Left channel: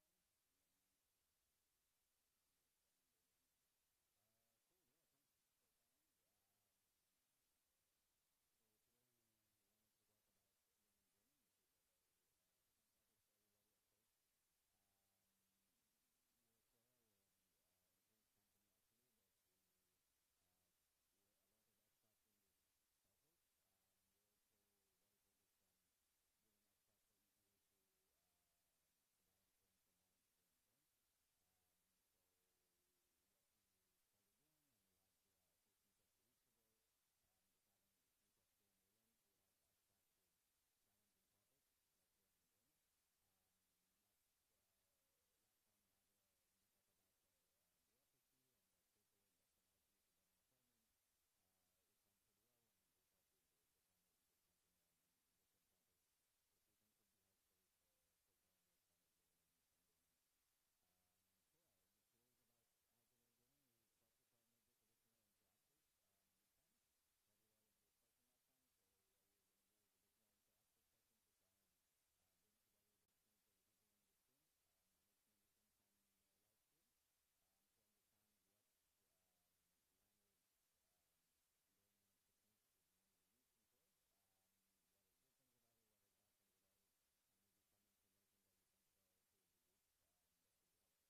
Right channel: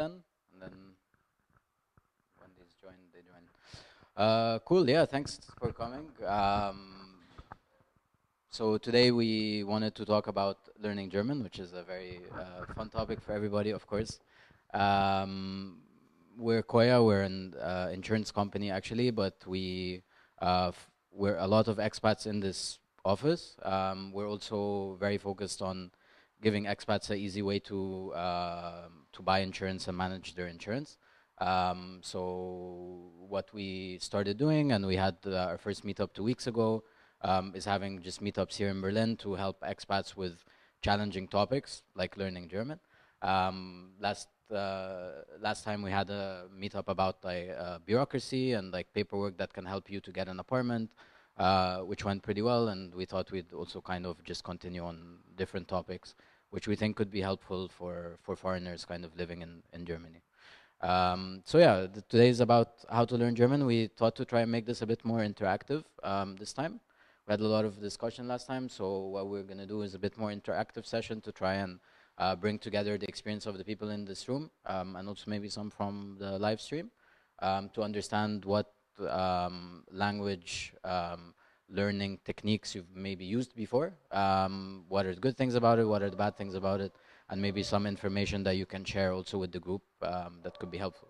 then, and then when these join, they join. Cool. Yeah. Thanks for coming. So today we wanted to talk about learning German, which is a very fun topic for everybody, of course. Um, we're Coya. We're an insurance company actually, but we're a lot of expats in this office. We're also very focused on giving expats an easy way to buy insurance and manage their insurance. So what we started doing, and we had our first meetup 2 weeks ago, is having just meetups here in Berlin to help expats with challenging topics like learning German. Last time we had a meetup about like bureaucracy and like paperwork that can help you to get an apartment, which went pretty well, and we thought we'd also kind of just continue on different topics, which we think could be helpful for foreigners kind of living in Germany. So yeah, today is about how to learn German. We thought to try and make this a bit more interactive this time. We had a lot of discussion last time, so what we're going to do is a bit more interactive session to try and bring together the experience of the people in this room, and also maybe some from the live stream, to understand what language learning techniques you've maybe used before, what are the good things about it, what are the bad things about it, and maybe some information that you can share also with the group that could be helpful.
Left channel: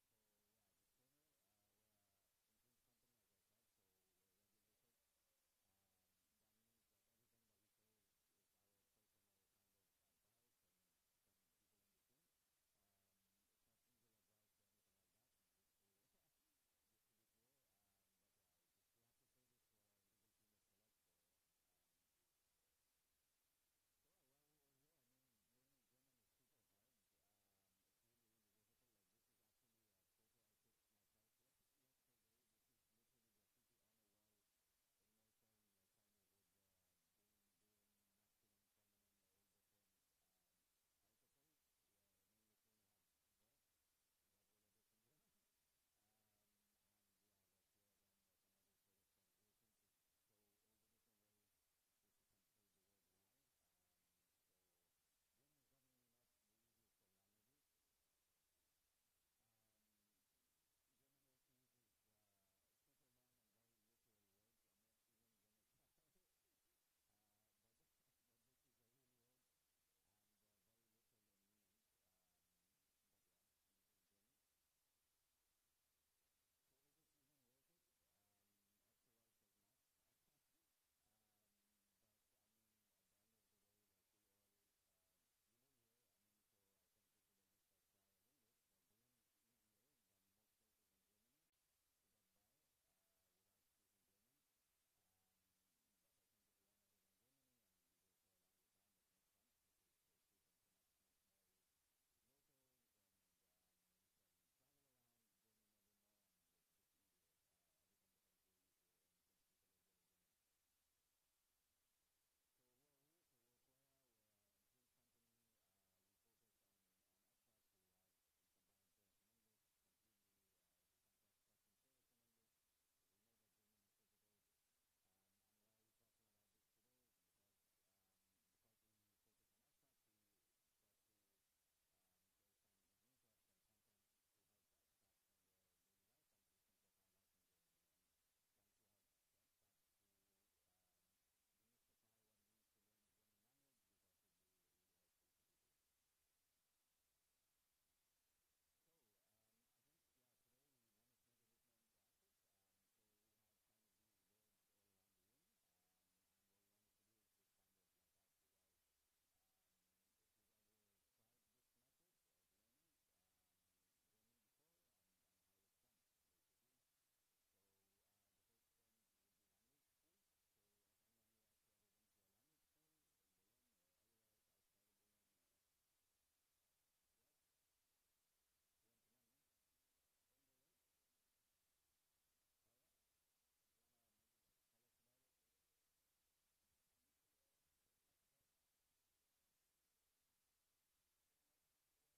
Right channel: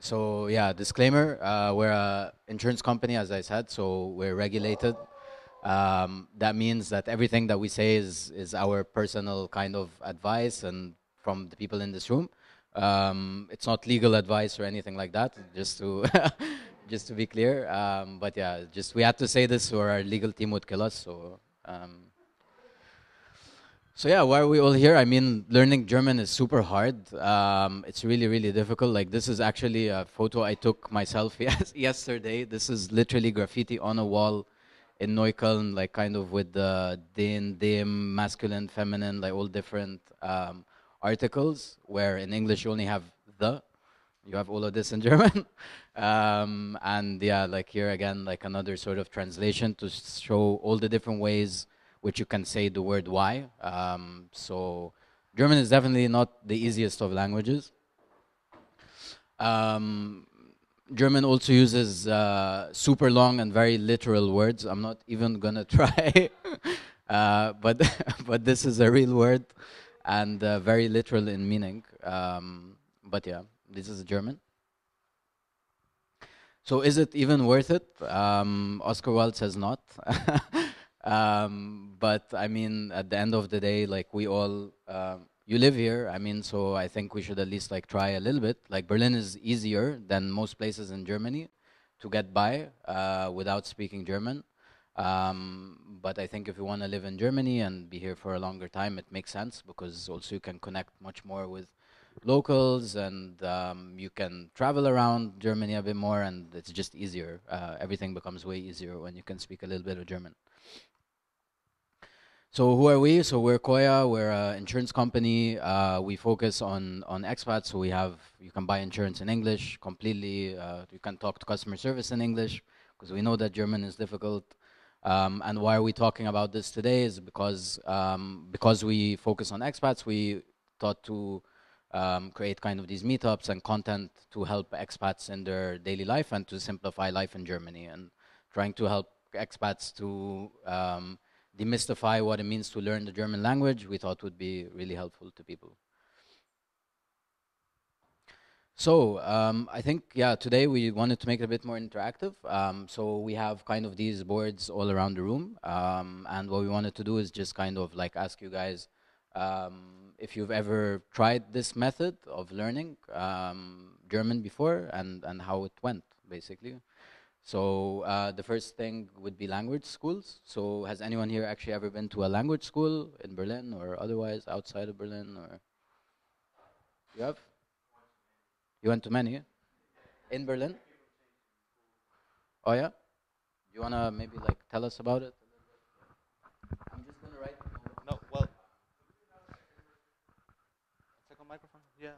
So yeah, disclaimer, we're an insurance company, as I said, so we're regulated. That means that everything that we say is our personal kind of advice and from the people in this room. It's not legal advice or anything like that, just to just to be clear. But yeah, just we had to say this or our legal team would kill us. So yeah, why are we all here? I mean, learning German is super hard. It's really, really difficult. Like this is actually a photo I took myself yesterday. This is literally graffiti on a wall in Neukölln, like kind of with the den, dem, masculine, feminine, like all different articles, where in English you only have the. You have all of this in German. And yeah, like here again, like another sort of translation to show all the different ways which you can say the word why. So German is definitely not the easiest of languages. German also uses super long and very literal words. I'm not even gonna try, but but this is a real word and very literal in meaning. But yeah, this is German. So is it even worth it? Oscar Wilde says not. But I mean, at the end of the day, like we all, you live here. I mean, so I think we should at least like try a little bit. Like Berlin is easier than most places in Germany to get by without speaking German. But I think if you want to live in Germany and be here for a longer time, it makes sense because also you can connect much more with locals and you can travel around Germany a bit more and it's just easier. Everything becomes way easier when you can speak a little bit of German. So who are we? So we're Coya. We're an insurance company. We focus on expats. So you can buy insurance in English completely. You can talk to customer service in English because we know that German is difficult. And why are we talking about this today is because we focus on expats, we thought to create kind of these meetups and content to help expats in their daily life and to simplify life in Germany and trying to help expats to demystify what it means to learn the German language, we thought would be really helpful to people. So I think, yeah, today we wanted to make it a bit more interactive. So we have kind of these boards all around the room. And what we wanted to do is just kind of like ask you guys if you've ever tried this method of learning German before and how it went, basically. So the first thing would be language schools. So has anyone here actually ever been to a language school in Berlin or otherwise outside of Berlin? Or you have? You went to many in Berlin? Oh yeah. You wanna maybe like tell us about it? I'm just gonna write. No, well, second microphone. Yeah.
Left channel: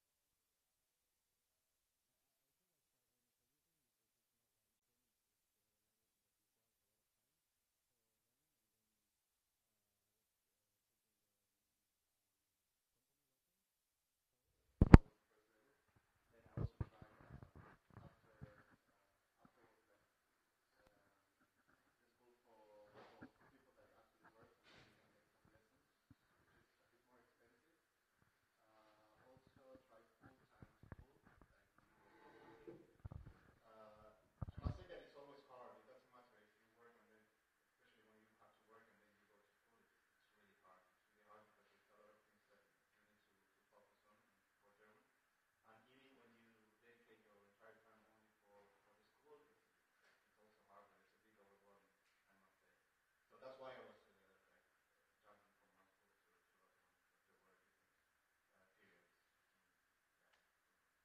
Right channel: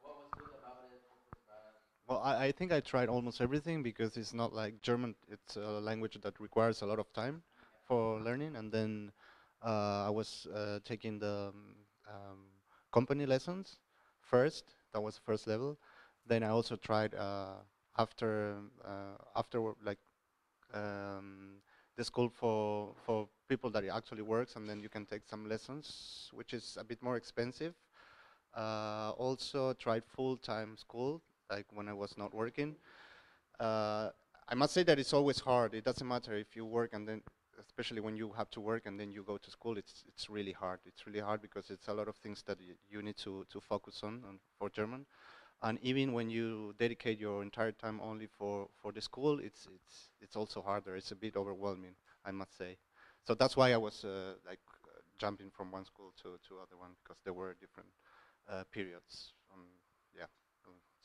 What was good about it? What was bad? Well, I think I tried almost everything because it's not like German. It's a language that requires a lot of time for learning. And then I was taking the company lessons first. That was first level. Then I also tried like um, the school for people that it actually works, and then you can take some lessons, which is a bit more expensive. Also tried full-time school, like when I was not working. Uh, I must say that it's always hard. It doesn't matter if you work and then, especially when you have to work and then you go to school, it's really hard. It's really hard because it's a lot of things that you need to focus on for German. And even when you dedicate your entire time only for the school, it's also harder. It's a bit overwhelming, I must say. So that's why I was jumping from one school to other one, because there were different periods. Yeah,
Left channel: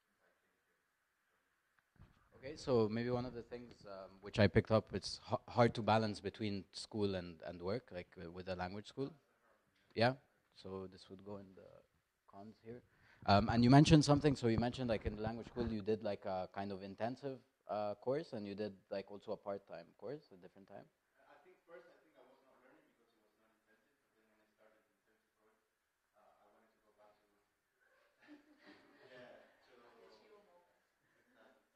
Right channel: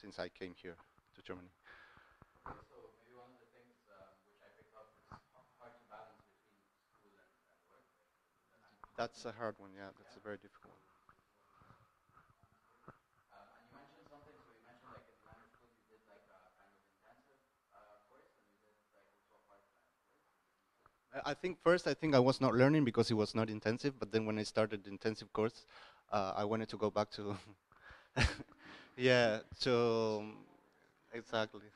since I came here to Germany. Okay, so maybe one of the things which I picked up, it's hard to balance between school and work, like with a language school. That's a hard one. Yeah, Yeah. that's very difficult. So this would go in the cons here. And you mentioned something. So you mentioned like in the language school, you did like a kind of intensive course, and you did like also a part-time course at different time. I think first, I think I was not learning because it was not intensive. But then when I started the intensive course, I wanted to go back to, yeah, to exactly.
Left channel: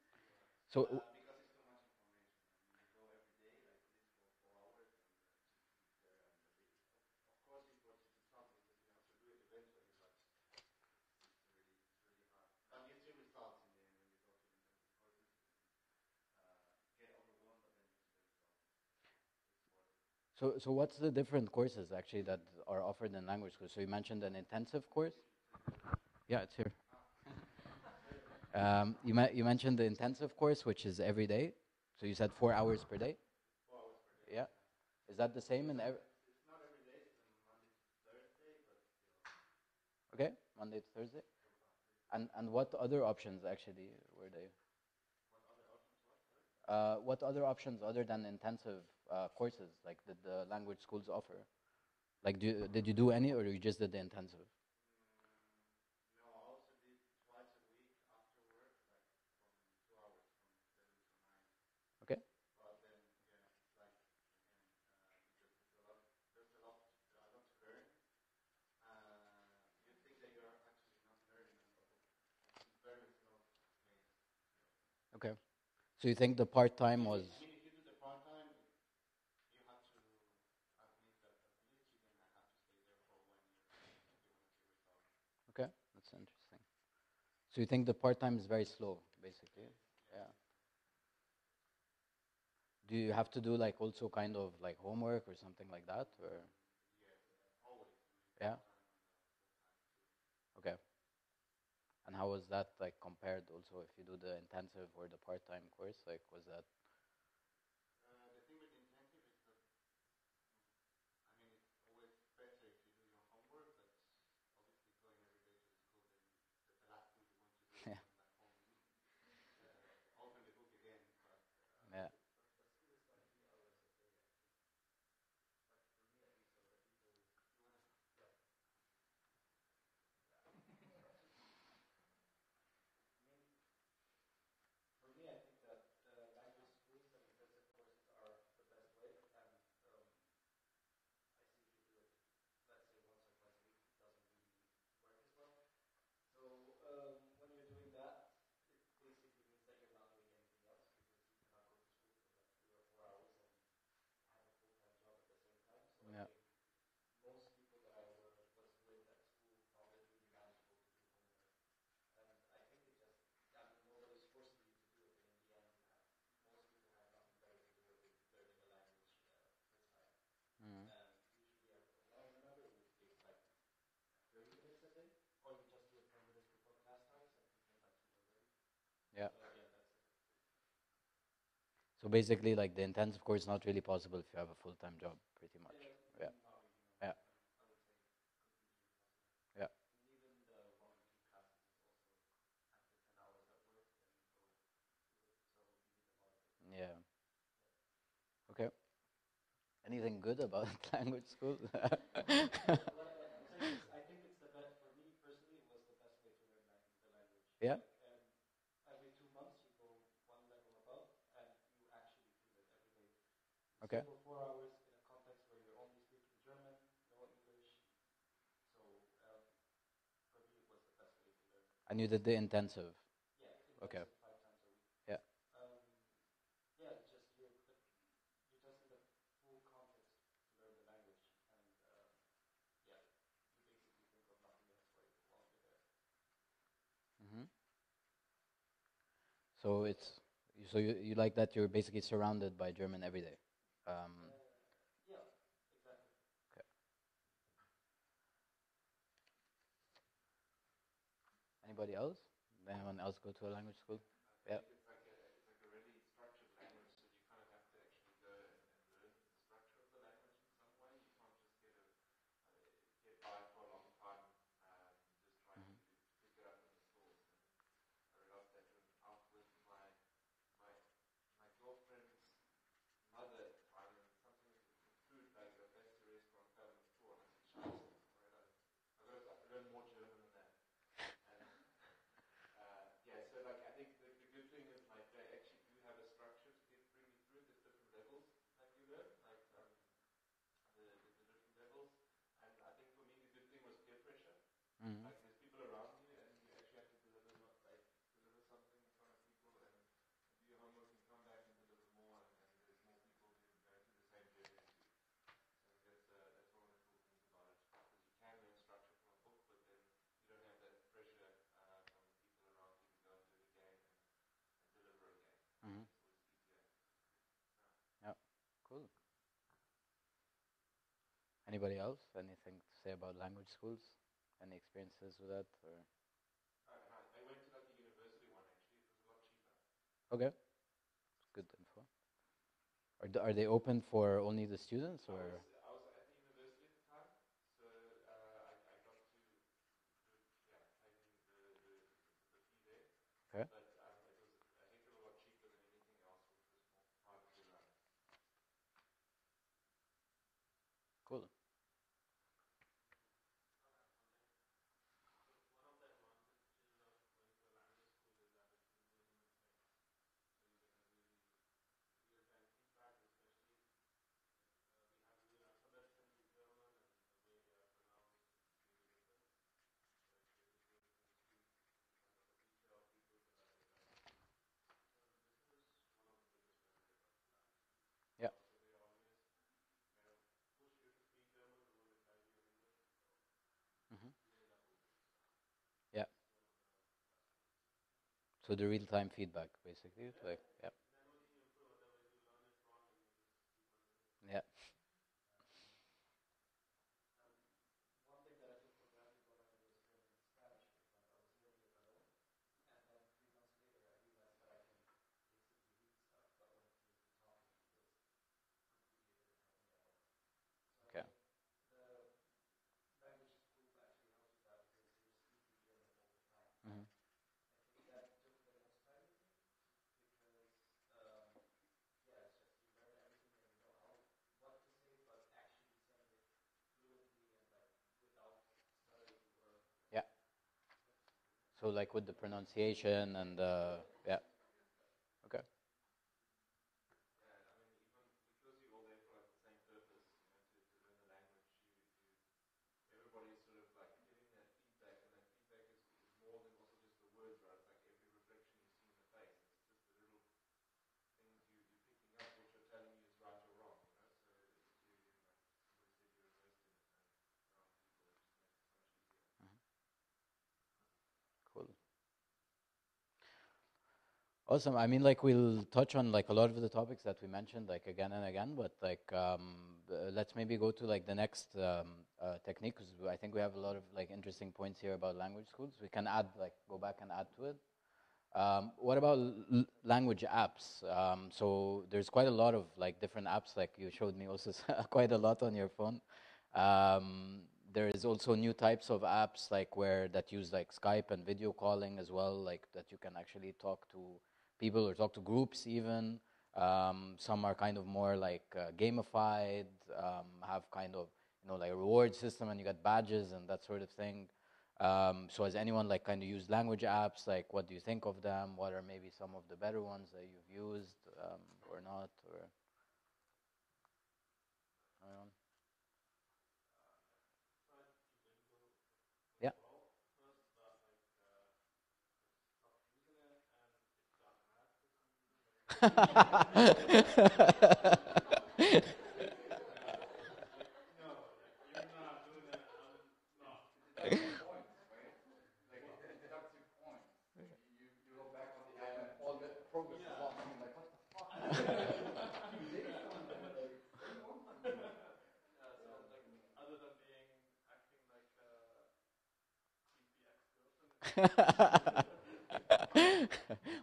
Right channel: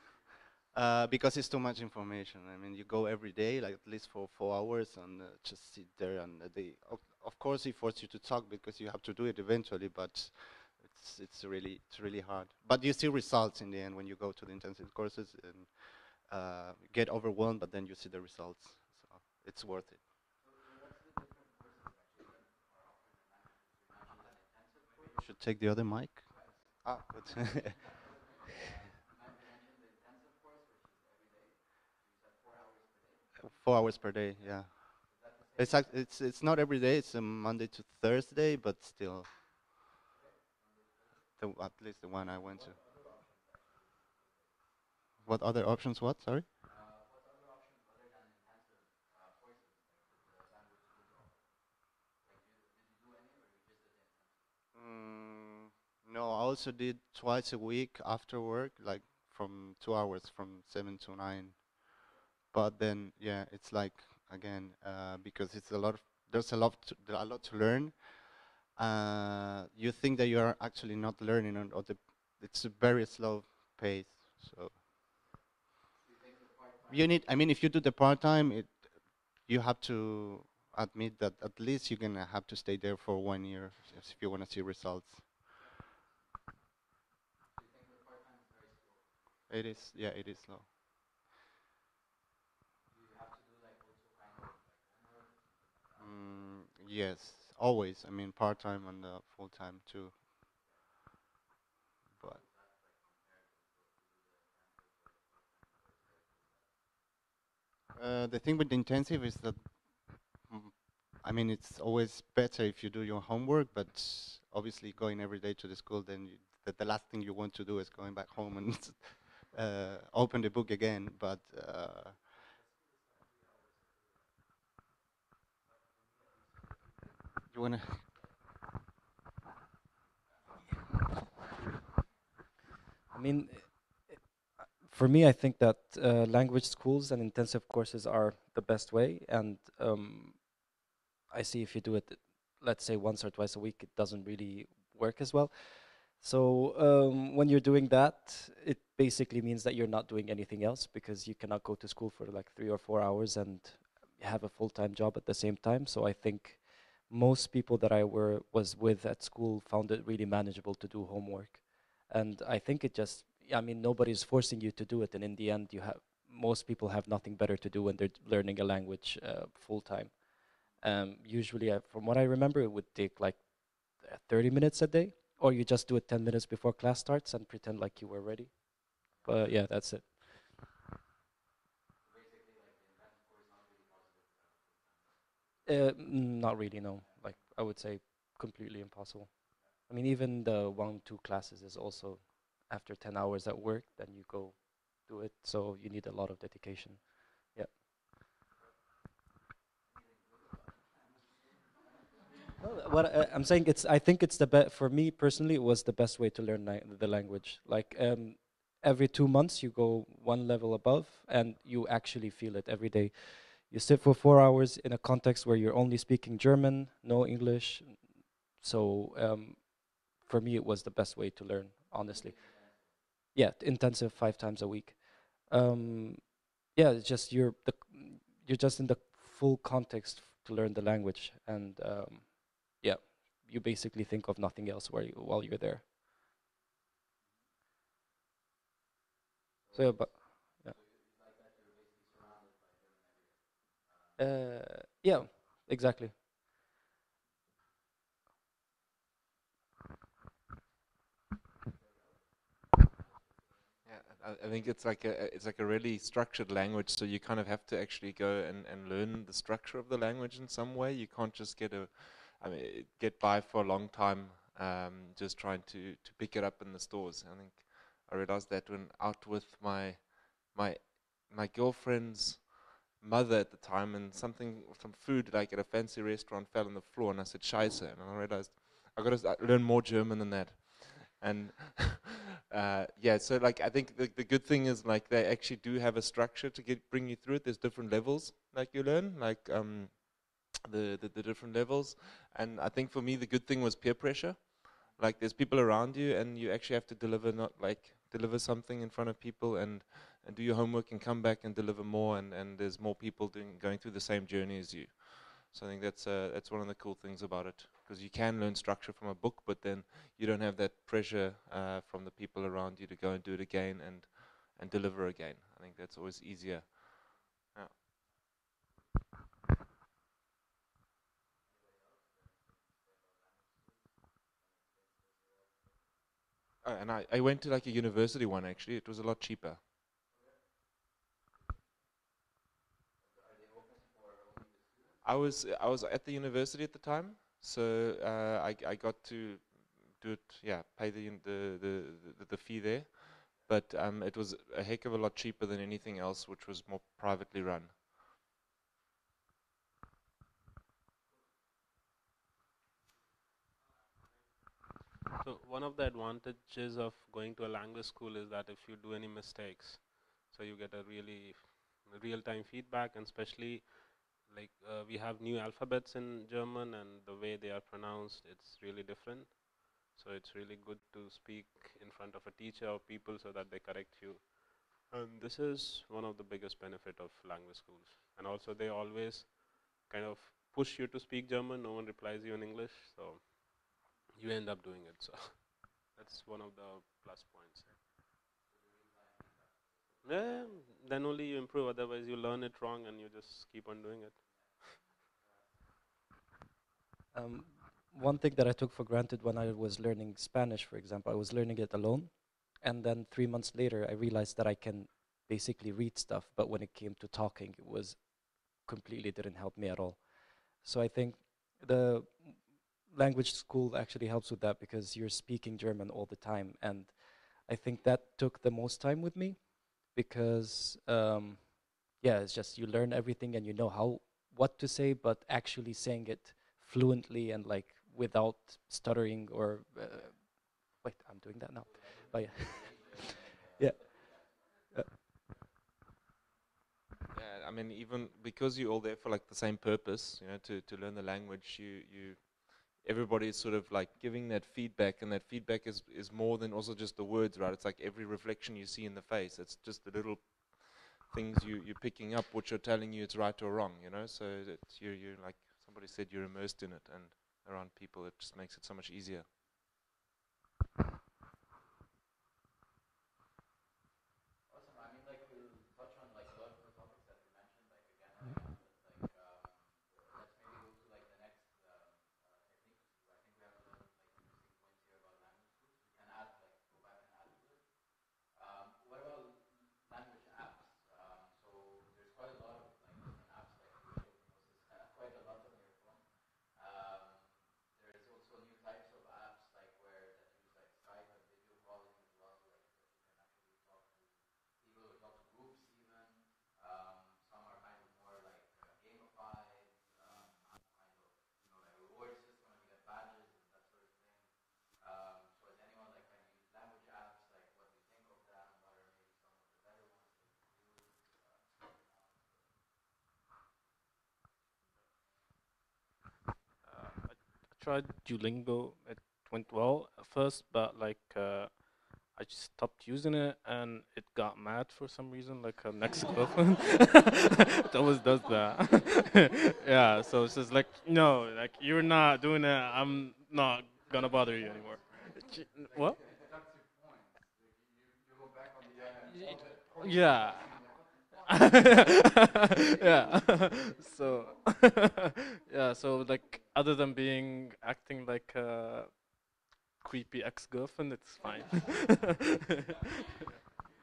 So Because it's too much information. I mean, you go every day, like at least for 4 hours, and just sit there. And of course, it forces you to talk because you have to do it eventually. But it's really hard. But you see results in the end when you go to the intensive courses and get overwhelmed. But then you see the results, so it's worth it. so what's the different courses actually that are offered in language school? So you mentioned an intensive course. Should take the other mic. Yeah, it's here. Ah, good. You mentioned the intensive course, which is every day. So you said 4 hours per day. 4 hours per day. Yeah. Yeah. Is that the same? It's not every day. It's Monday to Thursday, but still, Okay, Monday to Thursday. at least the one I And went what to. other options actually were they? What other options? What? Sorry. What other options other than intensive courses like did the language schools offer? Like, did you do any, or you just did the intensive? Mm, no, I also did twice a week after work, like from 2 hours, from 7 to 9. Okay. But then, yeah, it's like again because it's a lot of there's a lot to learn. You think that you are actually not learning, or it's a very slow pace. So Okay. So you think the part time you was need. I mean, if you do the part time, you have to admit that at least you're gonna have to stay there for 1 year if you want to see results. okay? That's interesting. So you think the part time is very slow, basically? It is, yeah, Yeah. it is slow. Do you have to do like also kind of like homework or something like that? Or? Yes, always. I mean, Yeah. part time and full time too. Okay. And how was that like compared also if you do the intensive or the part time course? Like, was that? The thing with the intensive is that, mm, I mean, it's always better if you do your homework, but obviously going every day to the school, then the last thing you want to do is going back home and open the book again. But Yeah. you wanna? I mean, for me, I think that language schools and intensive courses are the best way. And I see if you do it, let's say once or twice a week, it doesn't really work as well. So when you're doing that, it basically means that you're not doing anything else because you cannot go to school for like 3 or 4 hours and have a full-time job at the same time. So I Yeah. think most people that I was with at school found it really manageable to do homework. And I think it just, I mean, nobody's forcing you to do it. And in the end, most people have nothing better to do when they're learning a language full-time. Usually, from what I remember, it would take like 30 minutes a day, or you just do it 10 minutes before class starts and pretend like you were ready. Yeah. But yeah, that's it. So basically, like the intensive course is not really possible if you have a full time job, pretty much. Yeah. Not really, no. Yeah. Like, I would say completely impossible. Yeah. I mean, even the 1, 2 classes is also after 10 hours at work, then you go do it. So you need a lot of dedication. Yeah. Okay. Anything good about language school? No, what I'm saying, I think it's the best for me personally. It was the best way to learn the language. Yeah. Like every 2 months you go one level above, and you actually feel it every day. You Okay. sit for 4 hours in a context where you're only speaking German, no English. So for me, it was the best way to learn. And you did Honestly, the intensive. yeah, intensive 5 times a week. Yeah. Yeah, it's just you're just in the full context to learn the language, and yeah, you basically think of nothing else while you're there. Hmm. So So, but it's so you like that you're basically surrounded by German every day. yeah, exactly. Okay. Anybody else? Anyone else go to a language Yeah, school? I think it's like a really structured language, so you kind of have to actually go and learn the structure of the language in some way. You can't just get by for a long time just trying to pick it up in the stores. I think I realized that when out with my my girlfriend's mother at the time, and some food like at a fancy restaurant fell on the floor, and I said "Scheiße," and I realized I got to learn more German than that. And yeah, so like I think the good thing is like they actually do have a structure to bring you through it. There's different levels like you learn, like the different levels. And I think for me the good thing was peer pressure. Mm-hmm. Like there's people around you, and you actually have to deliver, not like deliver something in front of people, and do your homework and come back and deliver more. And there's more people going through the same journey as you. So I think that's one of the cool things about it, because you can learn structure from a book, but then you don't have that pressure from the people around you to go and do it again and deliver again. I think Mm-hmm. that's always easier. Yeah. Yeah. Cool. Anybody else? Anything to say about language schools? Any experiences with that? Or And I went to like a university one actually. It was a lot cheaper. okay, good info. Are they open for only the students I or? was at the university at the time, so I got to do it. Yeah, pay the fee there. Okay. But it was a heck of a lot cheaper than anything else, which was more privately run. Cool. So one of the advantages of going to a language school is that if you do any mistakes, so you get a really real-time feedback, and especially like we have new alphabets in German, and the way they are pronounced, it's really different. So it's really good to speak in front of a teacher or people so that they correct you. And this is one of the biggest benefit of language schools. And Yeah. also they always kind of push you to speak German. No one replies you in English, so Mm-hmm. you end up doing it. So Yeah. it's one of the plus points. So the real-time feedback, basically. Yeah, Like, yeah. then only you improve. Otherwise, you learn it wrong and you just keep on doing it. Yeah. Um, One thing that I took for granted when I was learning Spanish, for example, I was learning it alone, and then 3 months later, I realized that I can basically read stuff, but when it came to talking, it was completely didn't help me at all. So I think the language school actually helps with that because you're speaking German all the time, and I think that took the most time with me because yeah, it's just you learn everything and you know what to say, but actually saying it fluently and like without stuttering or Yeah. wait, I'm doing that now. So like with the Bye. pronunciation and Yeah. yeah. Uh, Okay. Yeah, I mean, even because you're all there for like the same purpose, you know, to learn the language, everybody is sort of like giving that feedback, and that feedback is more than also just the words, right? It's like every reflection you see in the face. It's just the little things you're picking up, which are telling you it's right or wrong, you know. So that you like somebody said, you're immersed in it, and around people, it just makes it so much easier. Cool. Awesome. I mean, like we'll touch on like a lot of the topics that we mentioned, like again and again. But like, let's maybe go to like the next technique, because I think we have a lot of like interesting points here about language schools. We can add like go back and add to it. What about language apps? So there's quite a lot of like different apps, like you showed me also quite a lot on your phone. There is also new types of apps like where that use like Skype and video calling as well, like that you can actually talk to people or talk to groups even. Some are kind of more like gamified, have kind of like a reward system and you get badges and that sort of thing. So has anyone like kind of used language apps? Like, what do you think of them? What are maybe some of the better ones that you've used or not? Or anyone? I tried Duolingo. It went Yeah. well at first, but like I just stopped using it, and it got mad for some reason. Like her next girlfriend, it always does that. Yeah, so it's just like no, like you're not doing it. I'm not gonna bother you anymore. What? Yeah. Yeah. So yeah, so like other than being acting like a creepy ex-girlfriend, it's fine.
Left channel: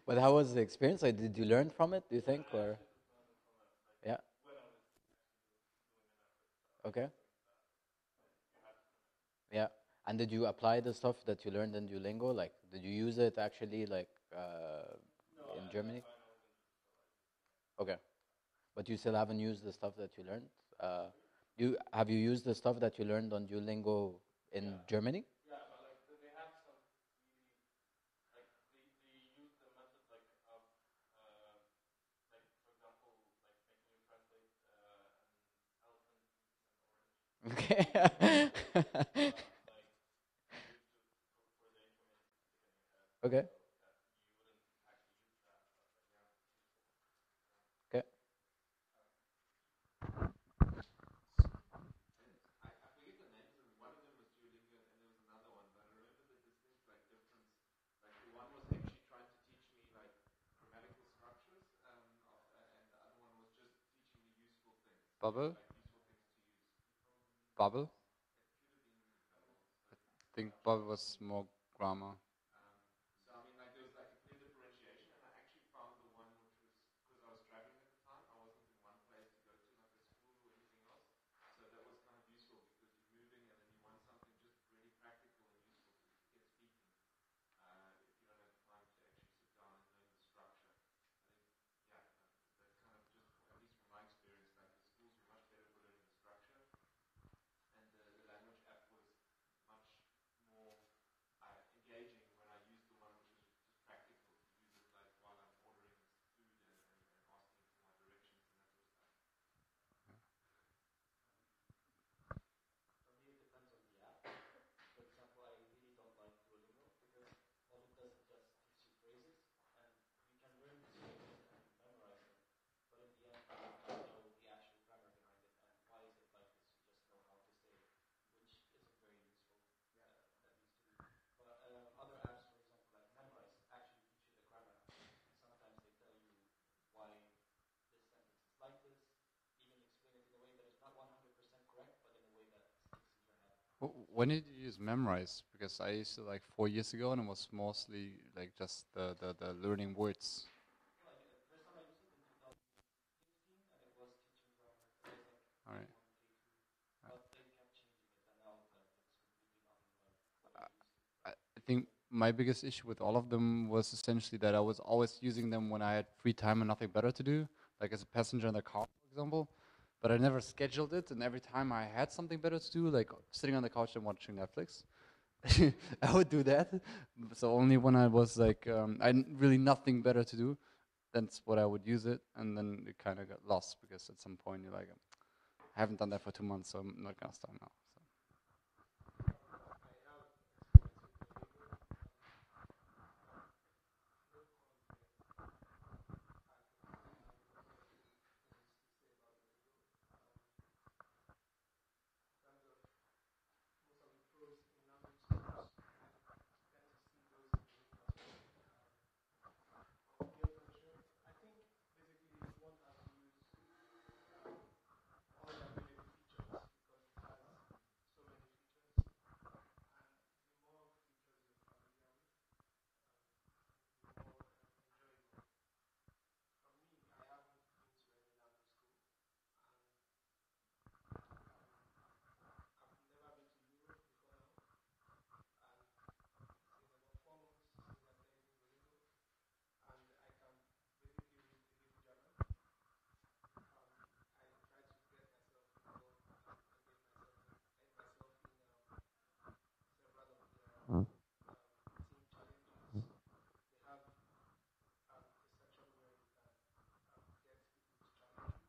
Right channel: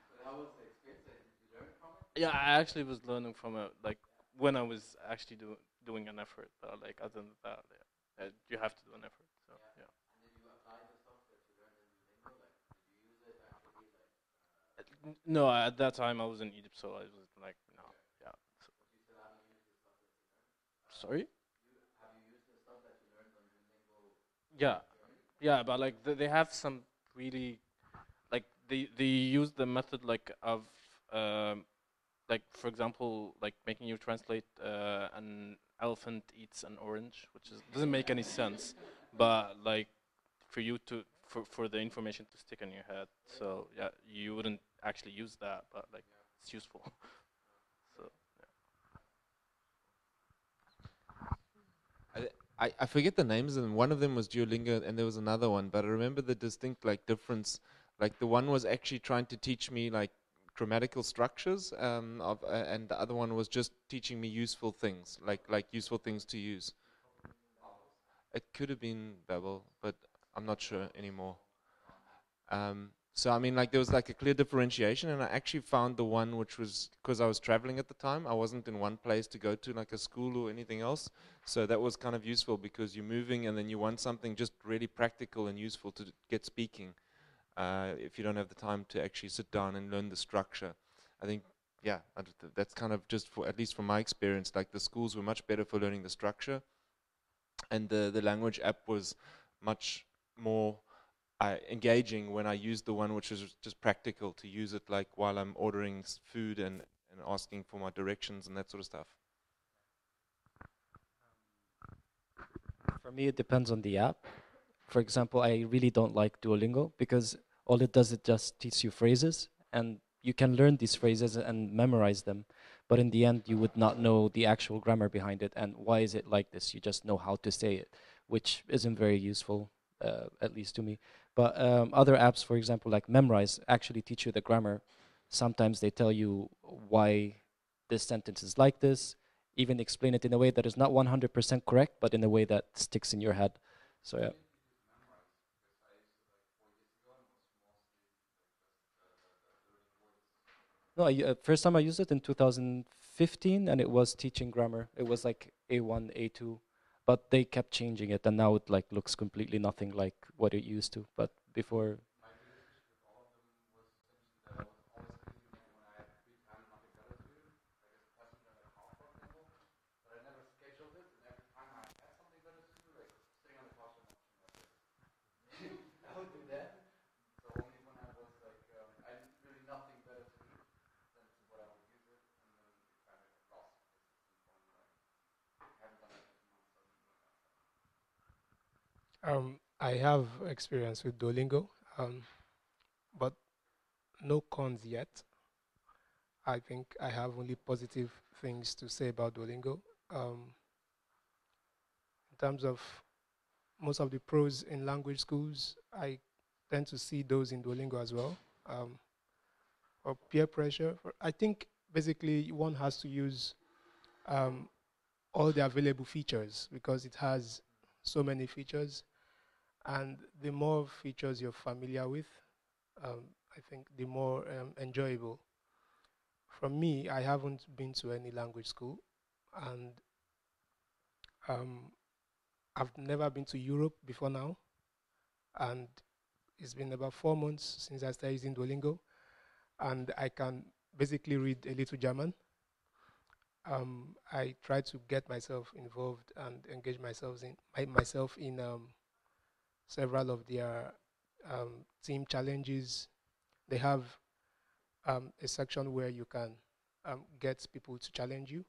But how was the experience? Like, did you learn from it? Do you Yeah, think? I Or actually was learning from it, like yeah. when I was actually doing an effort. Like Okay. other than that, you have to do an effort. So, Yeah. And did you apply the stuff that you learned in Duolingo? Like, did you use it actually, like, No, in at that Germany? time I was in Egypt, so I was like, Okay. yeah. But you still haven't used the stuff that you learned? Sorry? You have you used the stuff that you learned on Duolingo in Yeah, Germany? yeah, but like they have some really like they use the method like of um, like for example like making you translate an elephant eats an orange, which Okay. doesn't make any sense, but like for you to for the information to stick in your head. Okay. So yeah, you wouldn't actually use that, but like it's useful. Okay. So, I forget the names, and one of them was Duolingo, and there was another one, but I remember the distinct like difference. Like the one was actually trying to teach me like grammatical structures, and the other one was just teaching me useful things, Bubble? like useful things to use. Bubble? It could have been Babel, but I I'm think not sure Bubble was anymore. more grammar. So I mean, like there was like a clear differentiation, and I actually found the one which was because I was traveling at the time. I wasn't in one place to go to like a school or anything else. So that was kind of useful because you're moving, and then you want something just really practical and useful to get speaking. If you don't have the time to actually sit down and learn the structure, I think yeah, that's kind of just for at least from my experience. Like the schools were much better for learning the structure, and the language app was much more engaging when I used the one which was just practical to use it like while I'm ordering food and asking for my directions and that sort of stuff. For me, it depends on the app. For example, I really don't like Duolingo because all it does, it just teaches you phrases, and you can learn these phrases and memorize them. But in the end, you would not know the actual grammar behind it and why is it like this. You just know how to say it, which isn't very useful, at least to me. But other apps, for example, like Memrise, actually teach you the grammar. Sometimes they tell you why this sentence is like this, even explain it in a way that is not 100% correct, but in a way that sticks in your head. So When yeah. did you use Memrise? Because I used it like 4 years ago, and it was mostly like just the learning words. No, first time I used it in 2015, and it was teaching grammar. It was like A1, A2, but they kept changing it, and now it like looks completely nothing like what it used to. But I think before, my biggest issue with all of them was essentially that I was always using them when I had free time and nothing better to do, like as a passenger in the car, for example. But I never scheduled it, and every time I had something better to do, like sitting on the couch and watching Netflix, I would do that. So only when I was like, really nothing better to do, that's what I would use it, and then it kind of got lost because at some point you're like, I haven't done that for 2 months, so I'm not gonna start now. I have experience with Duolingo, but no cons yet. I think I have only positive things to say about Duolingo. In terms of most of the pros in language schools, I tend to see those in Duolingo as well. Or peer pressure, I think basically one has to use um, all the available features because it has so many features, and the more features you're familiar with, I think the more enjoyable. For me, I haven't been to any language school, and um, I've never been to Europe before now, and it's been about 4 months since I started using Duolingo, and I can basically read a little German. I try to get myself involved and engage myself in several of their team challenges. They have a section where you can get people to challenge you.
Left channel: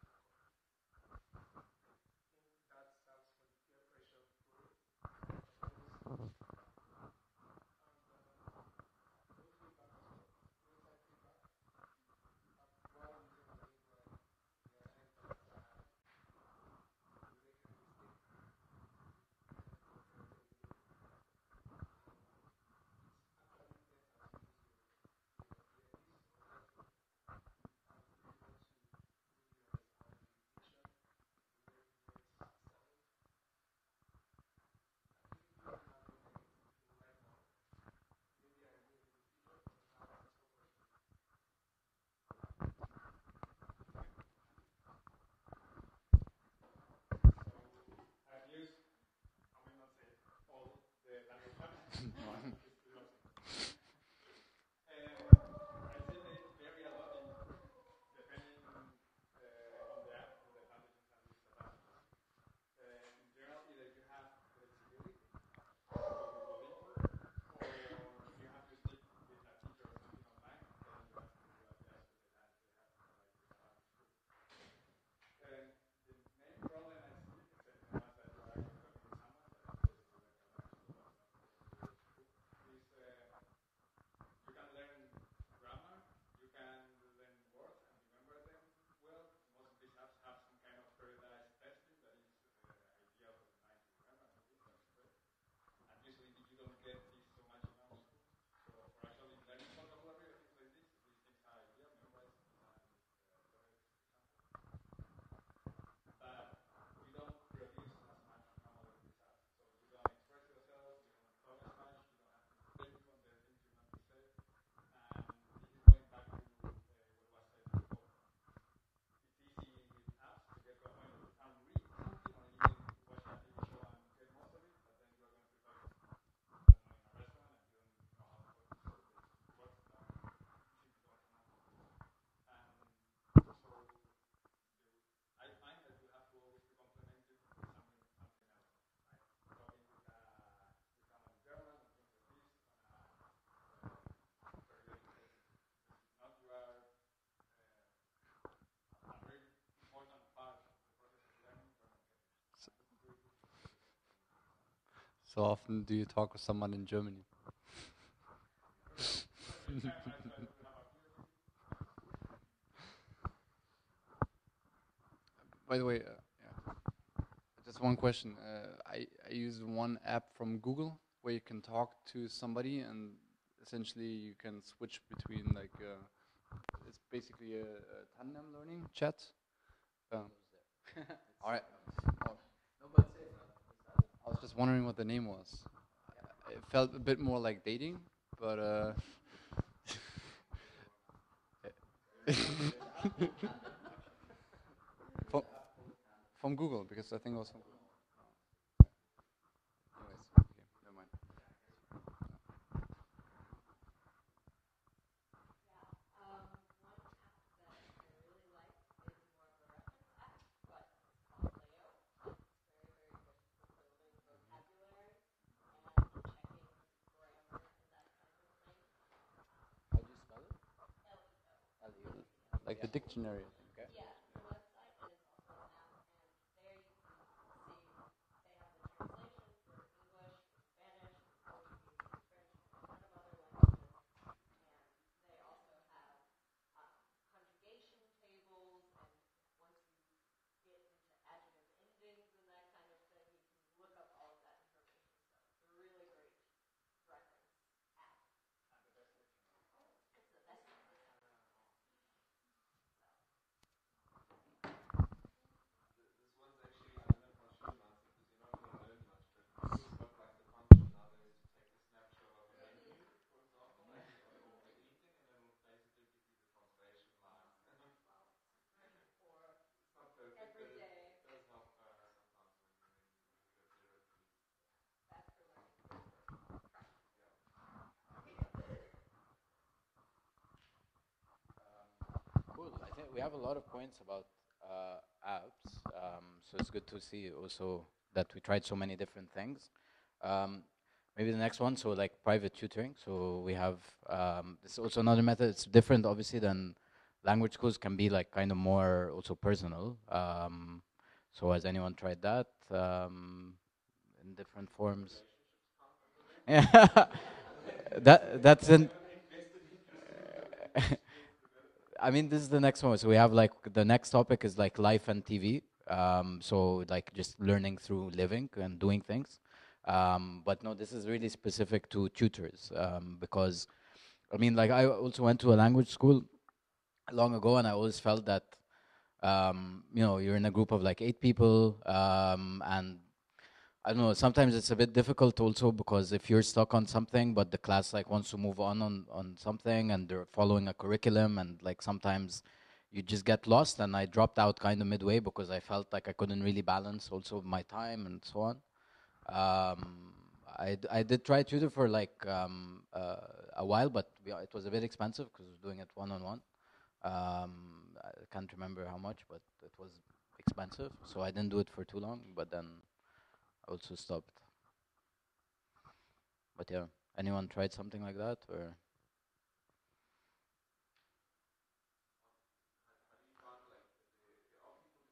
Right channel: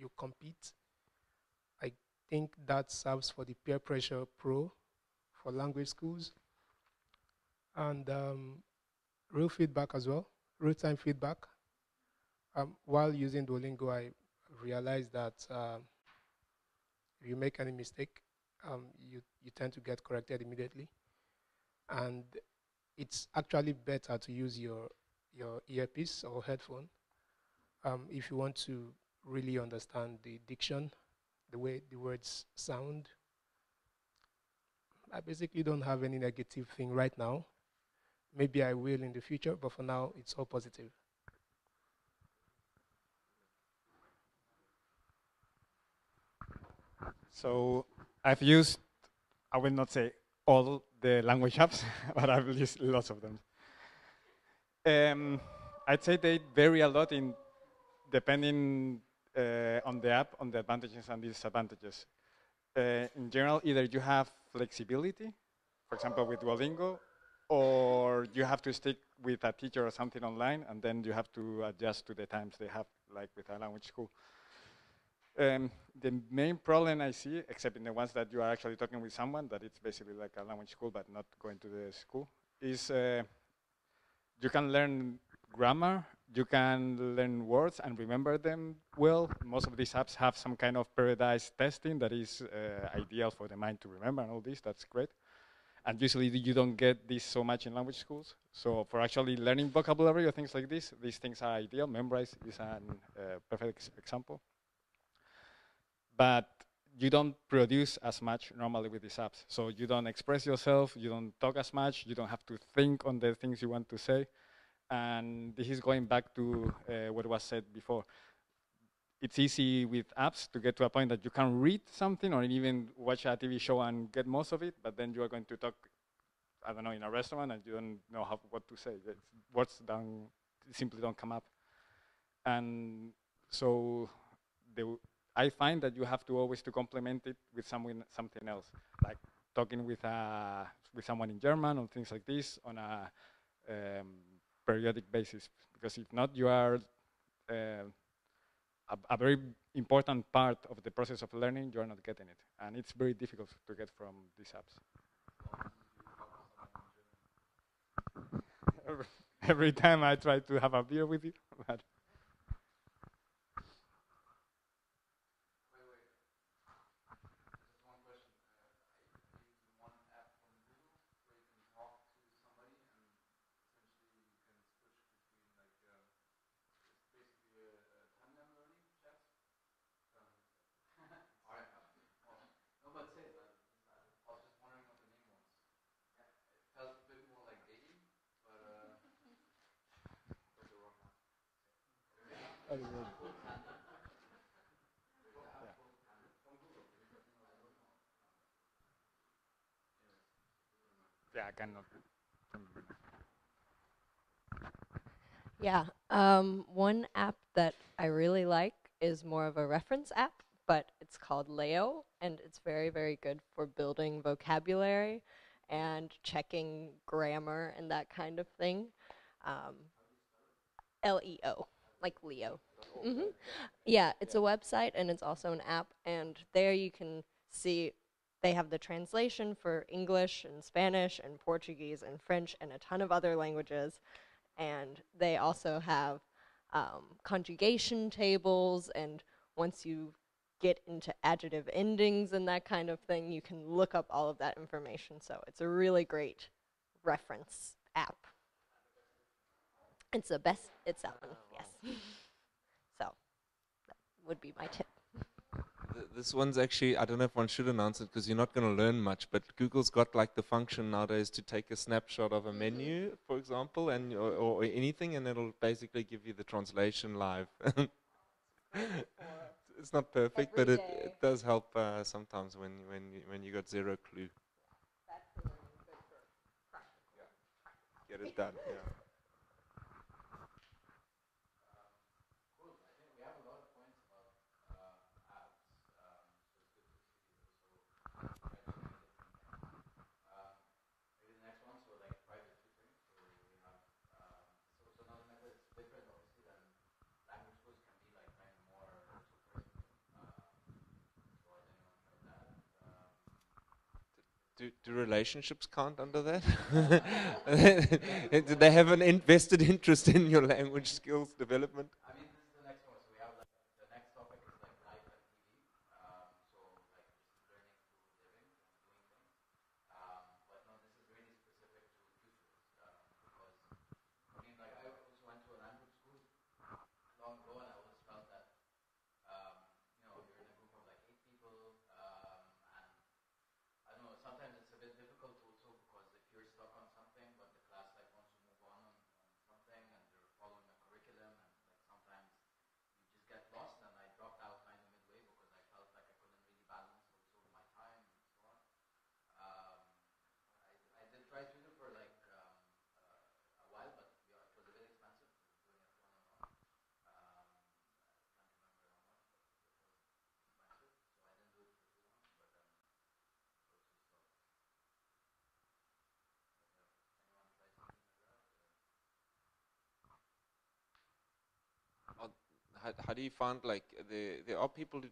You compete. I think that serves for the peer pressure pro for language schools, and real feedback as well, real-time feedback. While using Duolingo, I realized that if you make any mistake, you tend to get corrected immediately, and it's actually better to use your earpiece or headphone if you want to really understand the diction, the way the words sound. I basically don't have any negative thing right now. Maybe I will in the future, but for now, it's all positive. So I've used, I will not say all the language apps, but I've used lots of them. I'd say they vary a lot in depending on the app, on the advantages and disadvantages. In general, either you have flexibility, for example, with Duolingo, or you have to stick with a teacher or something online, and then you have to adjust to the times they have, like with a language school. The main problem I see, except in the ones that you are actually talking with someone, that it's basically like a language school but not going to the school, is you can learn grammar, you can learn words and remember them well. Most of these apps have some kind of periodized testing that is ideal for the mind to remember and all this, that's great. And usually you don't get this so much in language schools. So for actually learning vocabulary or things like this, these things are ideal. Memrise is a perfect example. But you don't produce as much normally with these apps. So you don't express yourself, you don't talk as much, you don't have to think on the things you want to say. And this is going back to what was said before. It's easy with apps to get to a point that you can read something or even watch a TV show and get most of it, but then you are going to talk, I don't know, in a restaurant and you don't know what to say. Words simply don't come up. And so I find that you have to always to complement it with something else, like talking with someone in German or things like this on a periodic basis. Because if not, you are a very important part of the process of learning, you are not getting it. And it's very difficult to get from these apps. So often do you talk with someone in Germany? Every time I try to have a beer with you. By the way, yeah, just one question. I use one app from Google where you can talk to somebody and essentially you can switch between like, it's basically a tandem learning chat. All right. I was just wondering what the name was. It felt a bit more like dating, but from Google, because I think it was from Google. Anyways, okay, never mind. Yeah, I cannot. Yeah, one app that I really like is more of a reference app, but it's called Leo, and it's very, very good for building vocabulary and checking grammar and that kind of thing. Leo, like Leo. Like the dictionary. Yeah, it's a website and it's also an app, and there you can see they have the translation for English and Spanish and Portuguese and French and a ton of other languages. And they also have conjugation tables, and once you get into adjective endings and that kind of thing, you can look up all of that information. So it's a really great reference app. It's the best, it's that one, yes. So that would be my tip. This one's actually, I don't know if one should announce it because you're not going to learn much, but Google's got like the function nowadays to take a snapshot of a menu, for example, and or anything, and it'll basically give you the translation live. It's not perfect, but it does help sometimes when you got zero clue. Get it done. Yeah. Cool. I think we have a lot of points about apps, so it's good to see also that we tried so many different things. Maybe the next one, so like private tutoring. So we have, this is also another method. It's different, obviously, than language schools. Can be like kind of more also personal. So has anyone tried that? In different Do forms. relationships count under that? That's They the have an invested interest in your language skills development. I mean, this is the next one. So we have like the next topic is like life and TV. So like just learning through living and doing things. But no, this is really specific to tutors, because I mean, like I also went to a language school long ago, and I always felt that you're in a group of like 8 people, and I don't know. Sometimes it's a bit difficult also because if you're stuck on something, but the class like wants to move on something, and they're following a curriculum, and like sometimes you just get lost. And I dropped out kind of midway because I felt like I couldn't really balance also my time and so on. I did try tutor for like a while, but it was a bit expensive because I was doing it one-on-one. I can't remember how much, but it was expensive, so I didn't do it for too long. But then I also stopped. But yeah, anyone tried something like that, or? How do you find like there are people who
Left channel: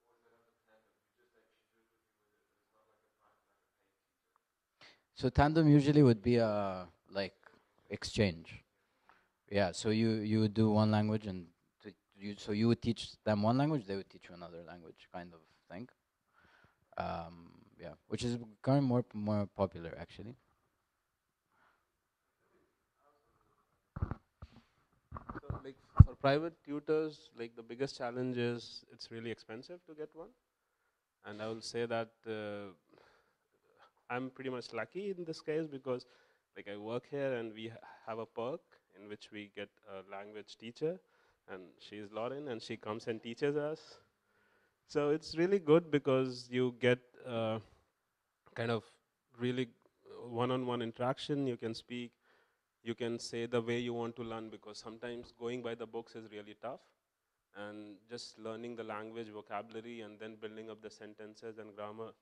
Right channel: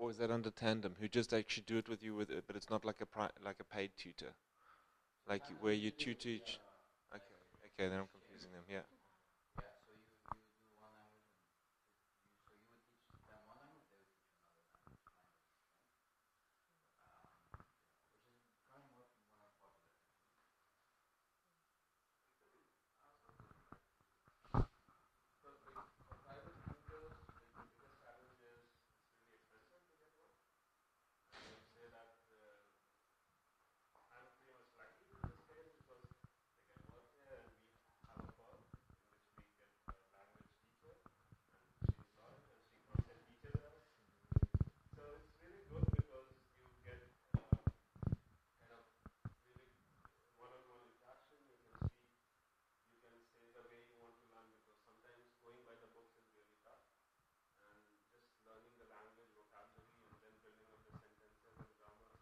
or is that under tandem who just actually do it with you with it, but it's not like like a paid tutor? So Like tandem where you usually would tutor be each- a like Okay, then I'm exchange. confusing them, yeah. Yeah, so you would do one language, and so you would teach them one language, they would teach you another language, kind of thing. Yeah, which is becoming more popular actually. So like for private tutors, like the biggest challenge is it's really expensive to get one. And I will say that I'm pretty much lucky in this case because like I work here and we have a perk in which we get a language teacher, and she's Lauren and she comes and teaches us. So it's really good because you get kind of really one-on-one interaction. You can speak, you can say the way you want to learn, because sometimes going by the books is really tough, and just learning the language vocabulary and then building up the sentences and grammar,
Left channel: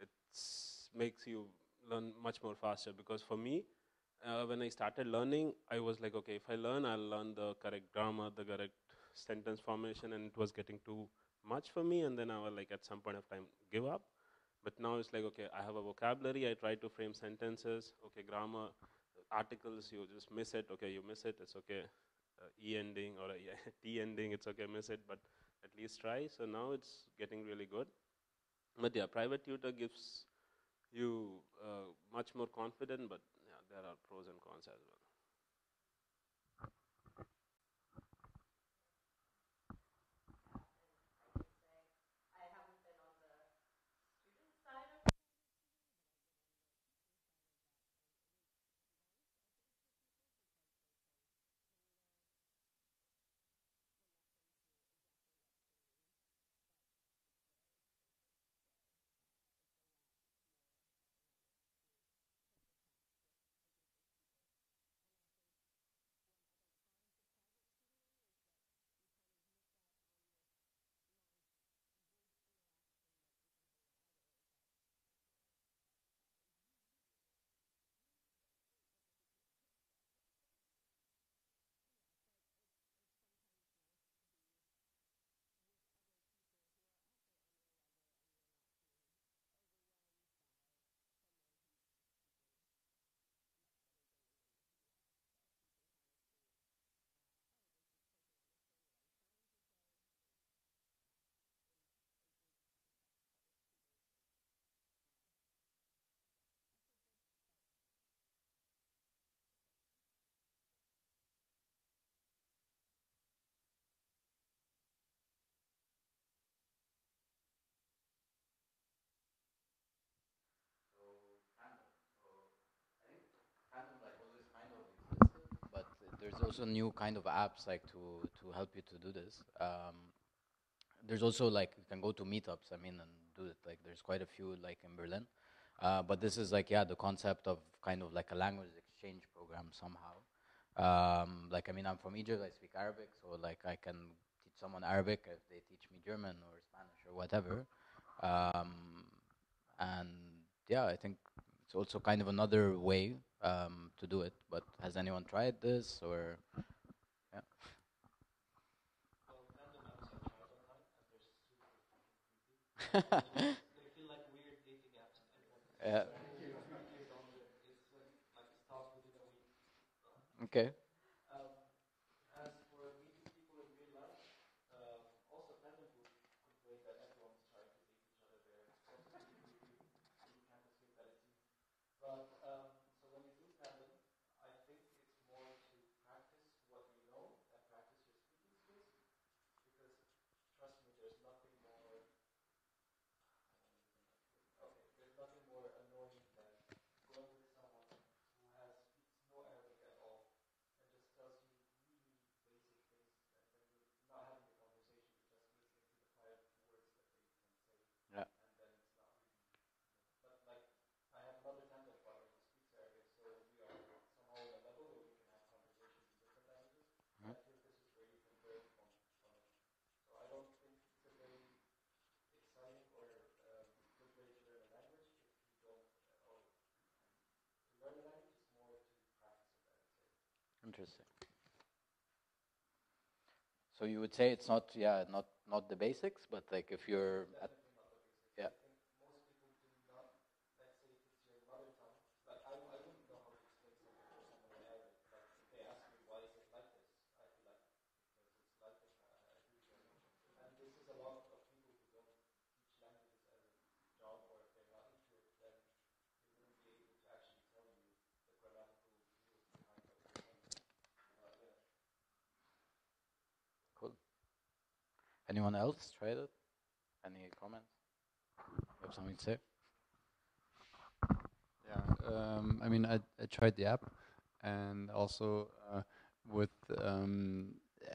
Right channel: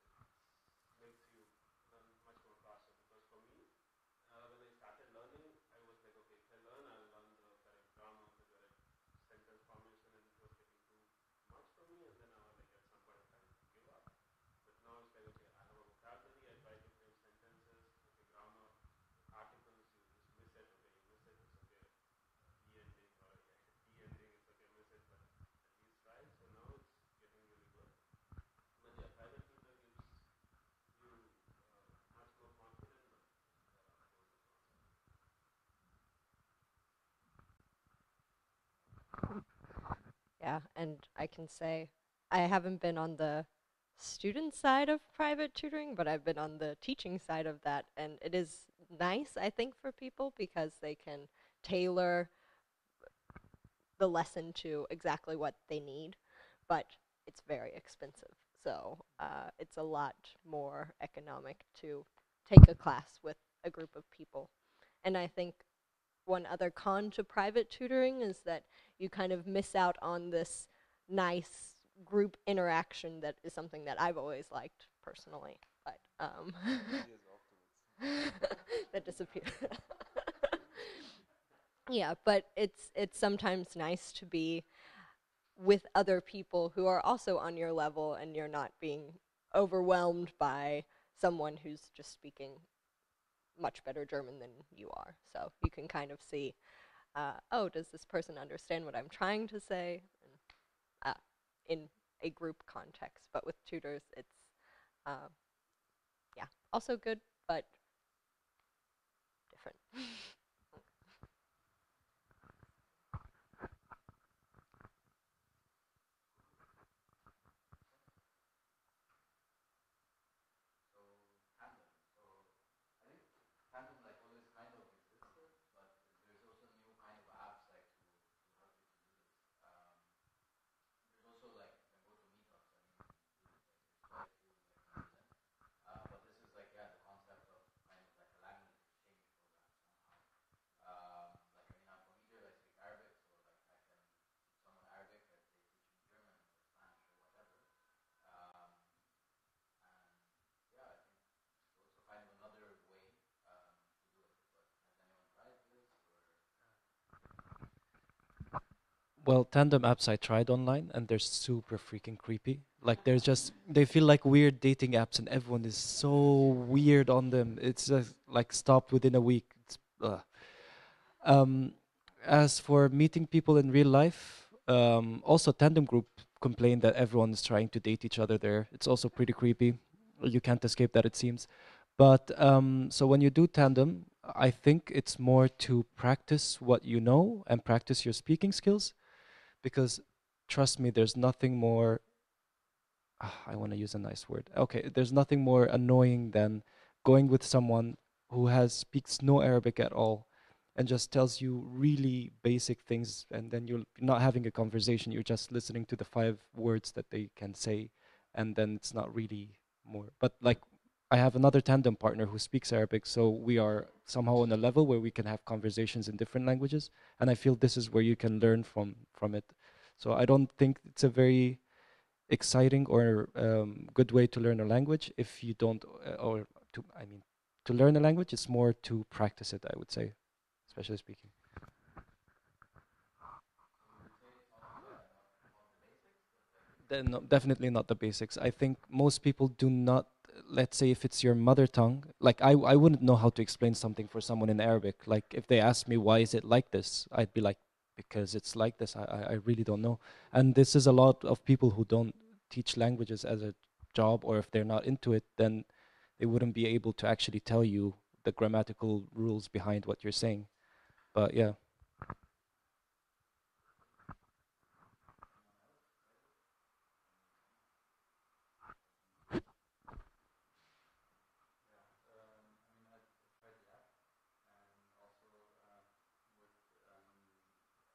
it makes you learn much more faster. Because for me, when I started learning, I was like, okay, if I learn, I'll learn the correct grammar, the correct sentence formation, and it was getting too much for me. And then I was like, at some point of time, give up. But now it's like, okay, I have a vocabulary, I try to frame sentences, okay, grammar, articles, you just miss it, okay, you miss it, it's okay. E ending or a T ending, it's okay, miss it, but at least try. So now it's getting really good. But yeah, private tutor gives you much more confident, but yeah, there are pros and cons as well. Yeah, and I can say I haven't been on the student side of private tutoring, but I've been on the teaching side of that, and it is nice, I think, for people because they can tailor the lesson to exactly what they need, but it's very expensive. So it's a lot more economic to take a class with a group of people. And I think one other con to private tutoring is that you kind of miss out on this nice group interaction that is something that I've always liked personally. But that disappeared. Yeah, but it's sometimes nice to be with other people who are also on your level, and you're not being overwhelmed by someone who's just speaking much better German than you are. So you can kind of see, oh, does this person understand what I'm trying to say? And, in a group context, but with tutors, it's yeah, also good, but different. But there's also new kind of apps like to help you to do this. There's also like you can go to meetups. I mean, and do it. Like there's quite a few like in Berlin. But this is like, yeah, the concept of kind of like a language exchange program somehow. Like I mean, I'm from Egypt. I speak Arabic, so like I can teach someone Arabic if they teach me German or Spanish or whatever. And yeah, I think it's also kind of another way to do it. But has anyone tried this or? Yeah. Well, tandem apps I tried online, and they're super freaking creepy. Like they're just they feel like weird dating apps, and everyone is Yeah. so weird on them. It's just like stopped within a week. It's, Okay. Um, as for meeting people in real life, also Tandem Group complained that everyone is trying to date each other there. It's also pretty creepy. You can't escape that, it seems. But so when you do Tandem, I think it's more to practice what you know and practice your speaking skills, because trust me, there's nothing more. I want to use a nice word. Okay, there's nothing more annoying than going with someone who has speaks no Arabic at all and just tells you really basic things, and then you're not having a conversation, you're just listening to the 5 words that they can say, Yeah. and then it's not really more. But like, I have another tandem partner who speaks Arabic, so we are somehow on a level where we can have conversations in different languages, and I feel this is where you can learn from it. So I don't think it's a very exciting or good way to learn a language if you don't, or to, I mean, to learn a language, it's more to practice it, I would say, especially speaking. So you would say it's not, yeah, not the basics, but like if you're No, definitely not the basics. I think most people do not, let's say if it's your mother tongue, like I wouldn't know how to explain something for someone in Arabic. Like if they ask me why is it like this, I'd be like, because it's like this. I really don't know. And this is a lot of people who don't teach languages as a job, or if they're not into it, then they wouldn't be able to actually tell you the grammatical rules behind what you're saying. But yeah. cool. Anyone else tried it? Any comments? You have something to say? Yeah, I mean, I tried the app, and also with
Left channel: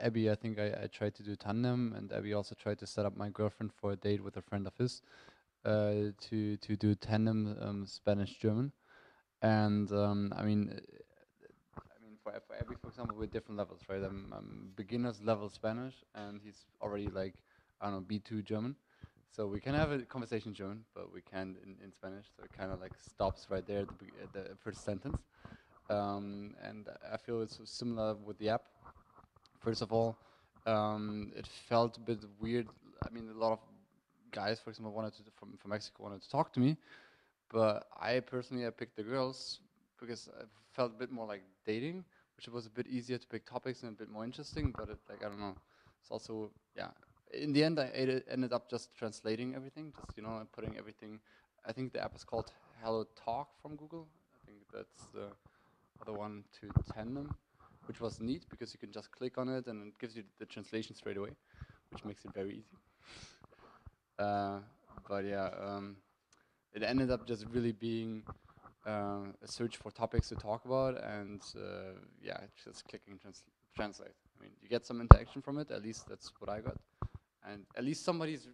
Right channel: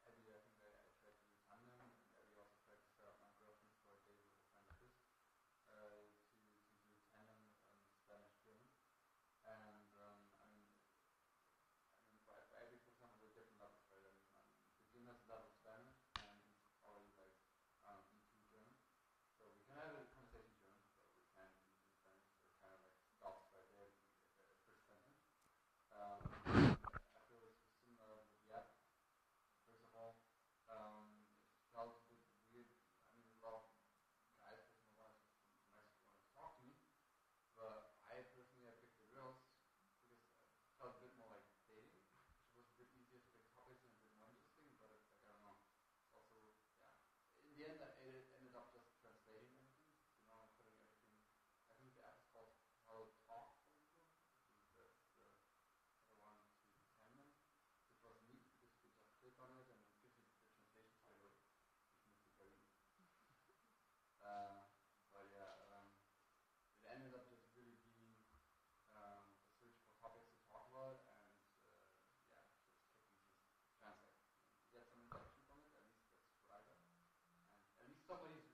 Abby, I think I tried to do tandem, and Abby also tried to set up my girlfriend for a date with a friend of his to do tandem Spanish German, and for Abby, for example, we're different levels, right? I'm beginner's level Spanish, and he's already like, I don't know, B2 German. So we can have a conversation in German, but we can't in Spanish. So it kind of like stops right there at the first sentence. And I feel it's similar with the app. First of all, it felt a bit weird. I mean, a lot of guys, for example, from Mexico wanted to talk to me, but I personally I picked the girls because I felt a bit more like dating, which was a bit easier to pick topics and a bit more interesting. But it, like, I don't know, it's also, yeah. In the end, ended up just translating everything, just putting everything. I think the app is called Hello Talk from Google. I think that's the other one to Tandem, which was neat because you can just click on it and it gives you the translation straight away, which makes it very easy. But yeah, it ended up just really being a search for topics to talk about, and yeah, just clicking translate. I mean, you get some interaction from it. At least that's what I got, and at least somebody's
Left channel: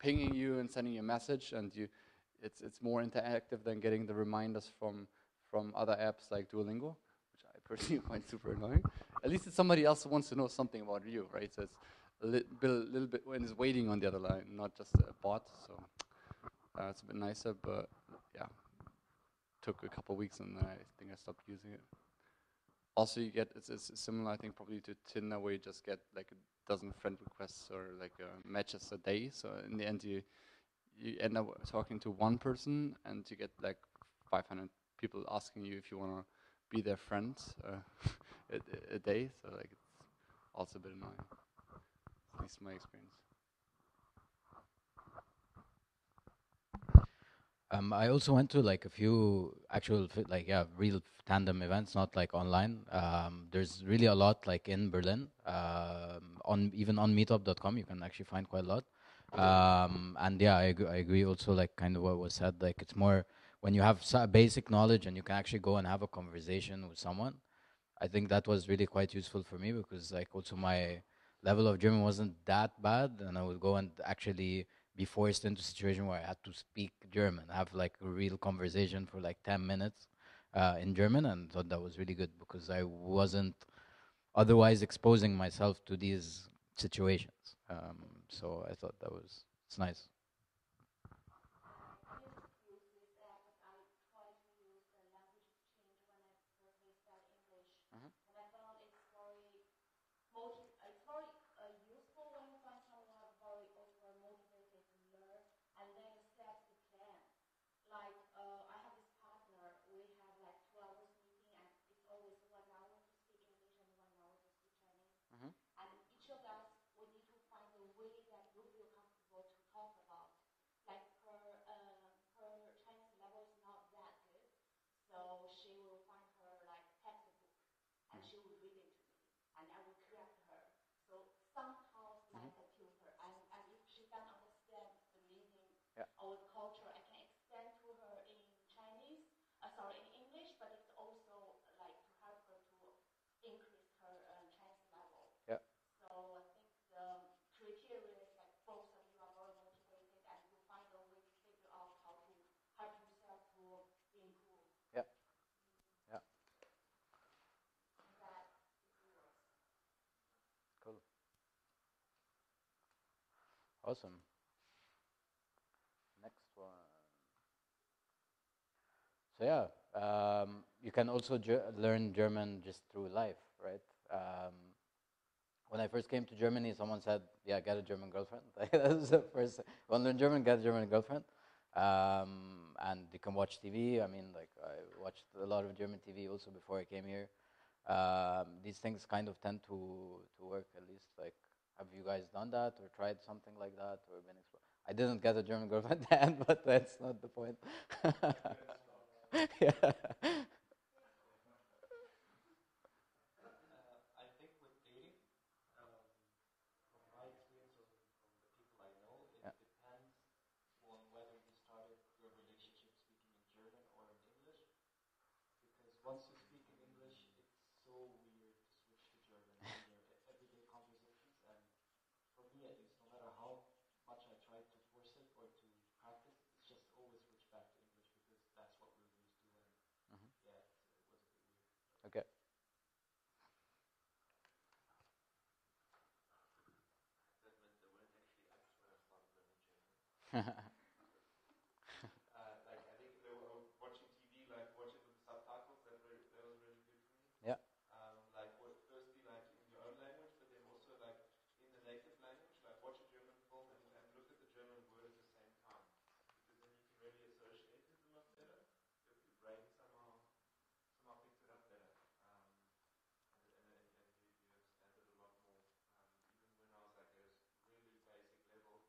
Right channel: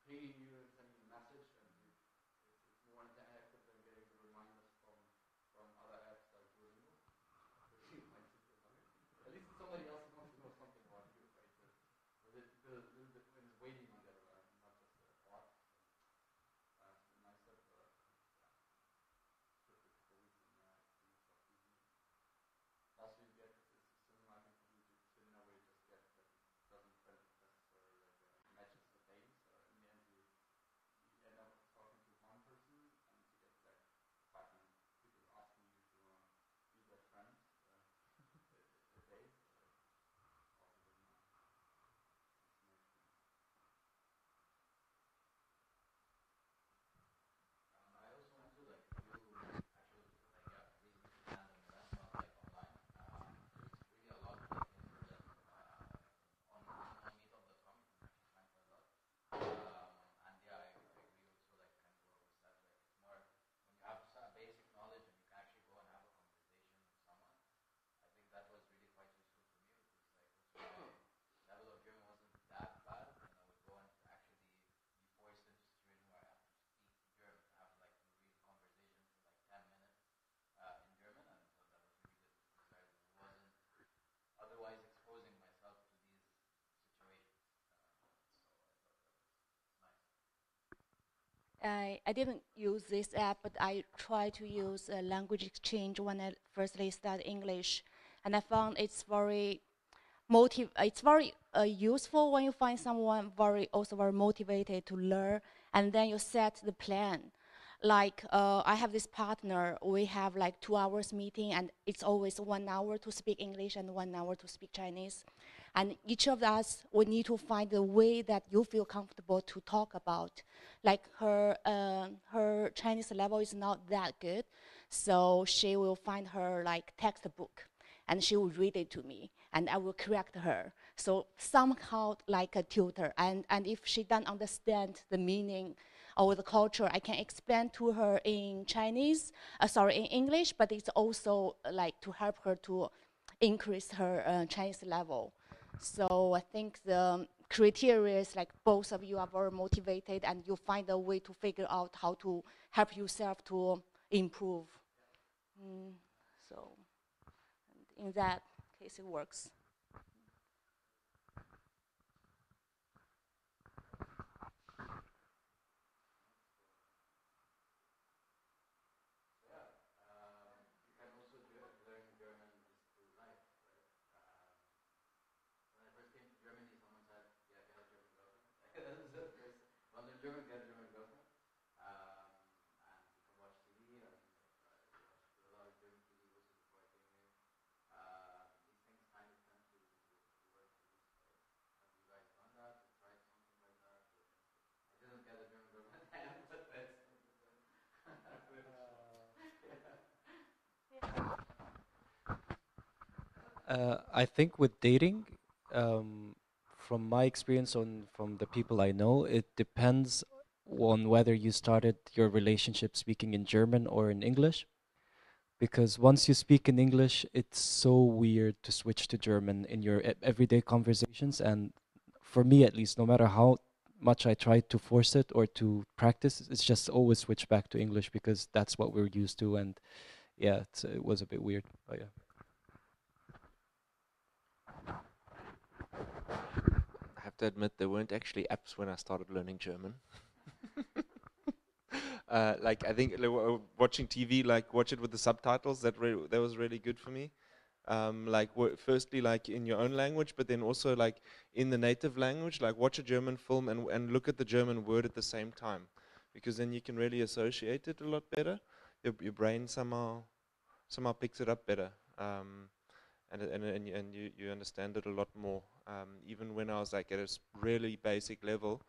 pinging you and sending you a message, and it's more interactive than getting the reminders from other apps like Duolingo, which I personally find super annoying. At least it's somebody else who wants to know something about you, right? So it's a little bit when it's waiting on the other line, not just a bot. So it's a bit nicer, but yeah, took a couple weeks and then I think I stopped using it. Also, you get it's similar, I think, probably to Tinder, where you just get like a dozen friend requests or like matches a day. So in the end, you end up talking to one person, and you get like 500 people asking you if you want to be their friend a day. So like it's also a bit annoying. At least my experience. I also went to like a few actual like real tandem events, not like online. There's really a lot like in Berlin. On even on meetup.com you can actually find quite a lot. And yeah, I agree also like kind of what was said, like it's more when you have basic knowledge and you can actually go and have a conversation with someone. I think that was really quite useful for me because like also my level of German wasn't that bad, and I would go and actually be forced into a situation where I had to speak German, have like a real conversation for like 10 minutes in German, and thought that was really good because I wasn't otherwise exposing myself to these situations. So I thought that was, it's nice. I didn't use this app, but I tried to use language exchange when I firstly started English, and I found it's very it's very useful when you find someone also very motivated to learn, and then you set the plan. Like I have this partner, we have like 2 hours meeting, and it's always 1 hour to speak English and 1 hour to speak Chinese. And each of us, we need to find a way that you feel comfortable to talk about. Like her Chinese level is not that good, so she will find her like textbook, and she will read it to me, and I will correct her. So somehow like a tutor, and if she doesn't understand the meaning or the culture, I can explain to her in in English, but it's also like to help her to increase her Chinese level. So I think the criteria is like both of you are very motivated and you find a way to figure out how to help yourself to improve. So in that case, it works. Cool. Awesome. Next one. So yeah, you can also learn German just through life, right? When I first came to Germany, someone said, "Yeah, get a German girlfriend." That was the first. Want to learn German? Get a German girlfriend. And you can watch TV. I mean, like I watched a lot of German TV also before I came here. These things kind of tend to work. At least, like, have you guys done that or tried something like that or been I didn't get a German girlfriend then, but that's not the point. Yeah. I think with dating, from my experience from the people I know, it depends on whether you started your relationship speaking in German or in English. Because once you speak in English, it's so weird to switch to German in your everyday conversations. And for me, at least, no matter how much I try to force it or to practice, it's just always switch back to English because that's what we're used to. And yeah, it was a bit weird. But yeah. Okay. I have to admit, there weren't actually apps when I started learning German. Like I think watching TV, like watch it with the subtitles. That was really good for me. Yeah. Like firstly, like in your own language, but then also like in the native language. Like watch a German film and look at the German word at the same time, because then you can really associate it a lot better. Your brain somehow picks it up better. And you understand it a lot more. Even when I was like at a really basic level,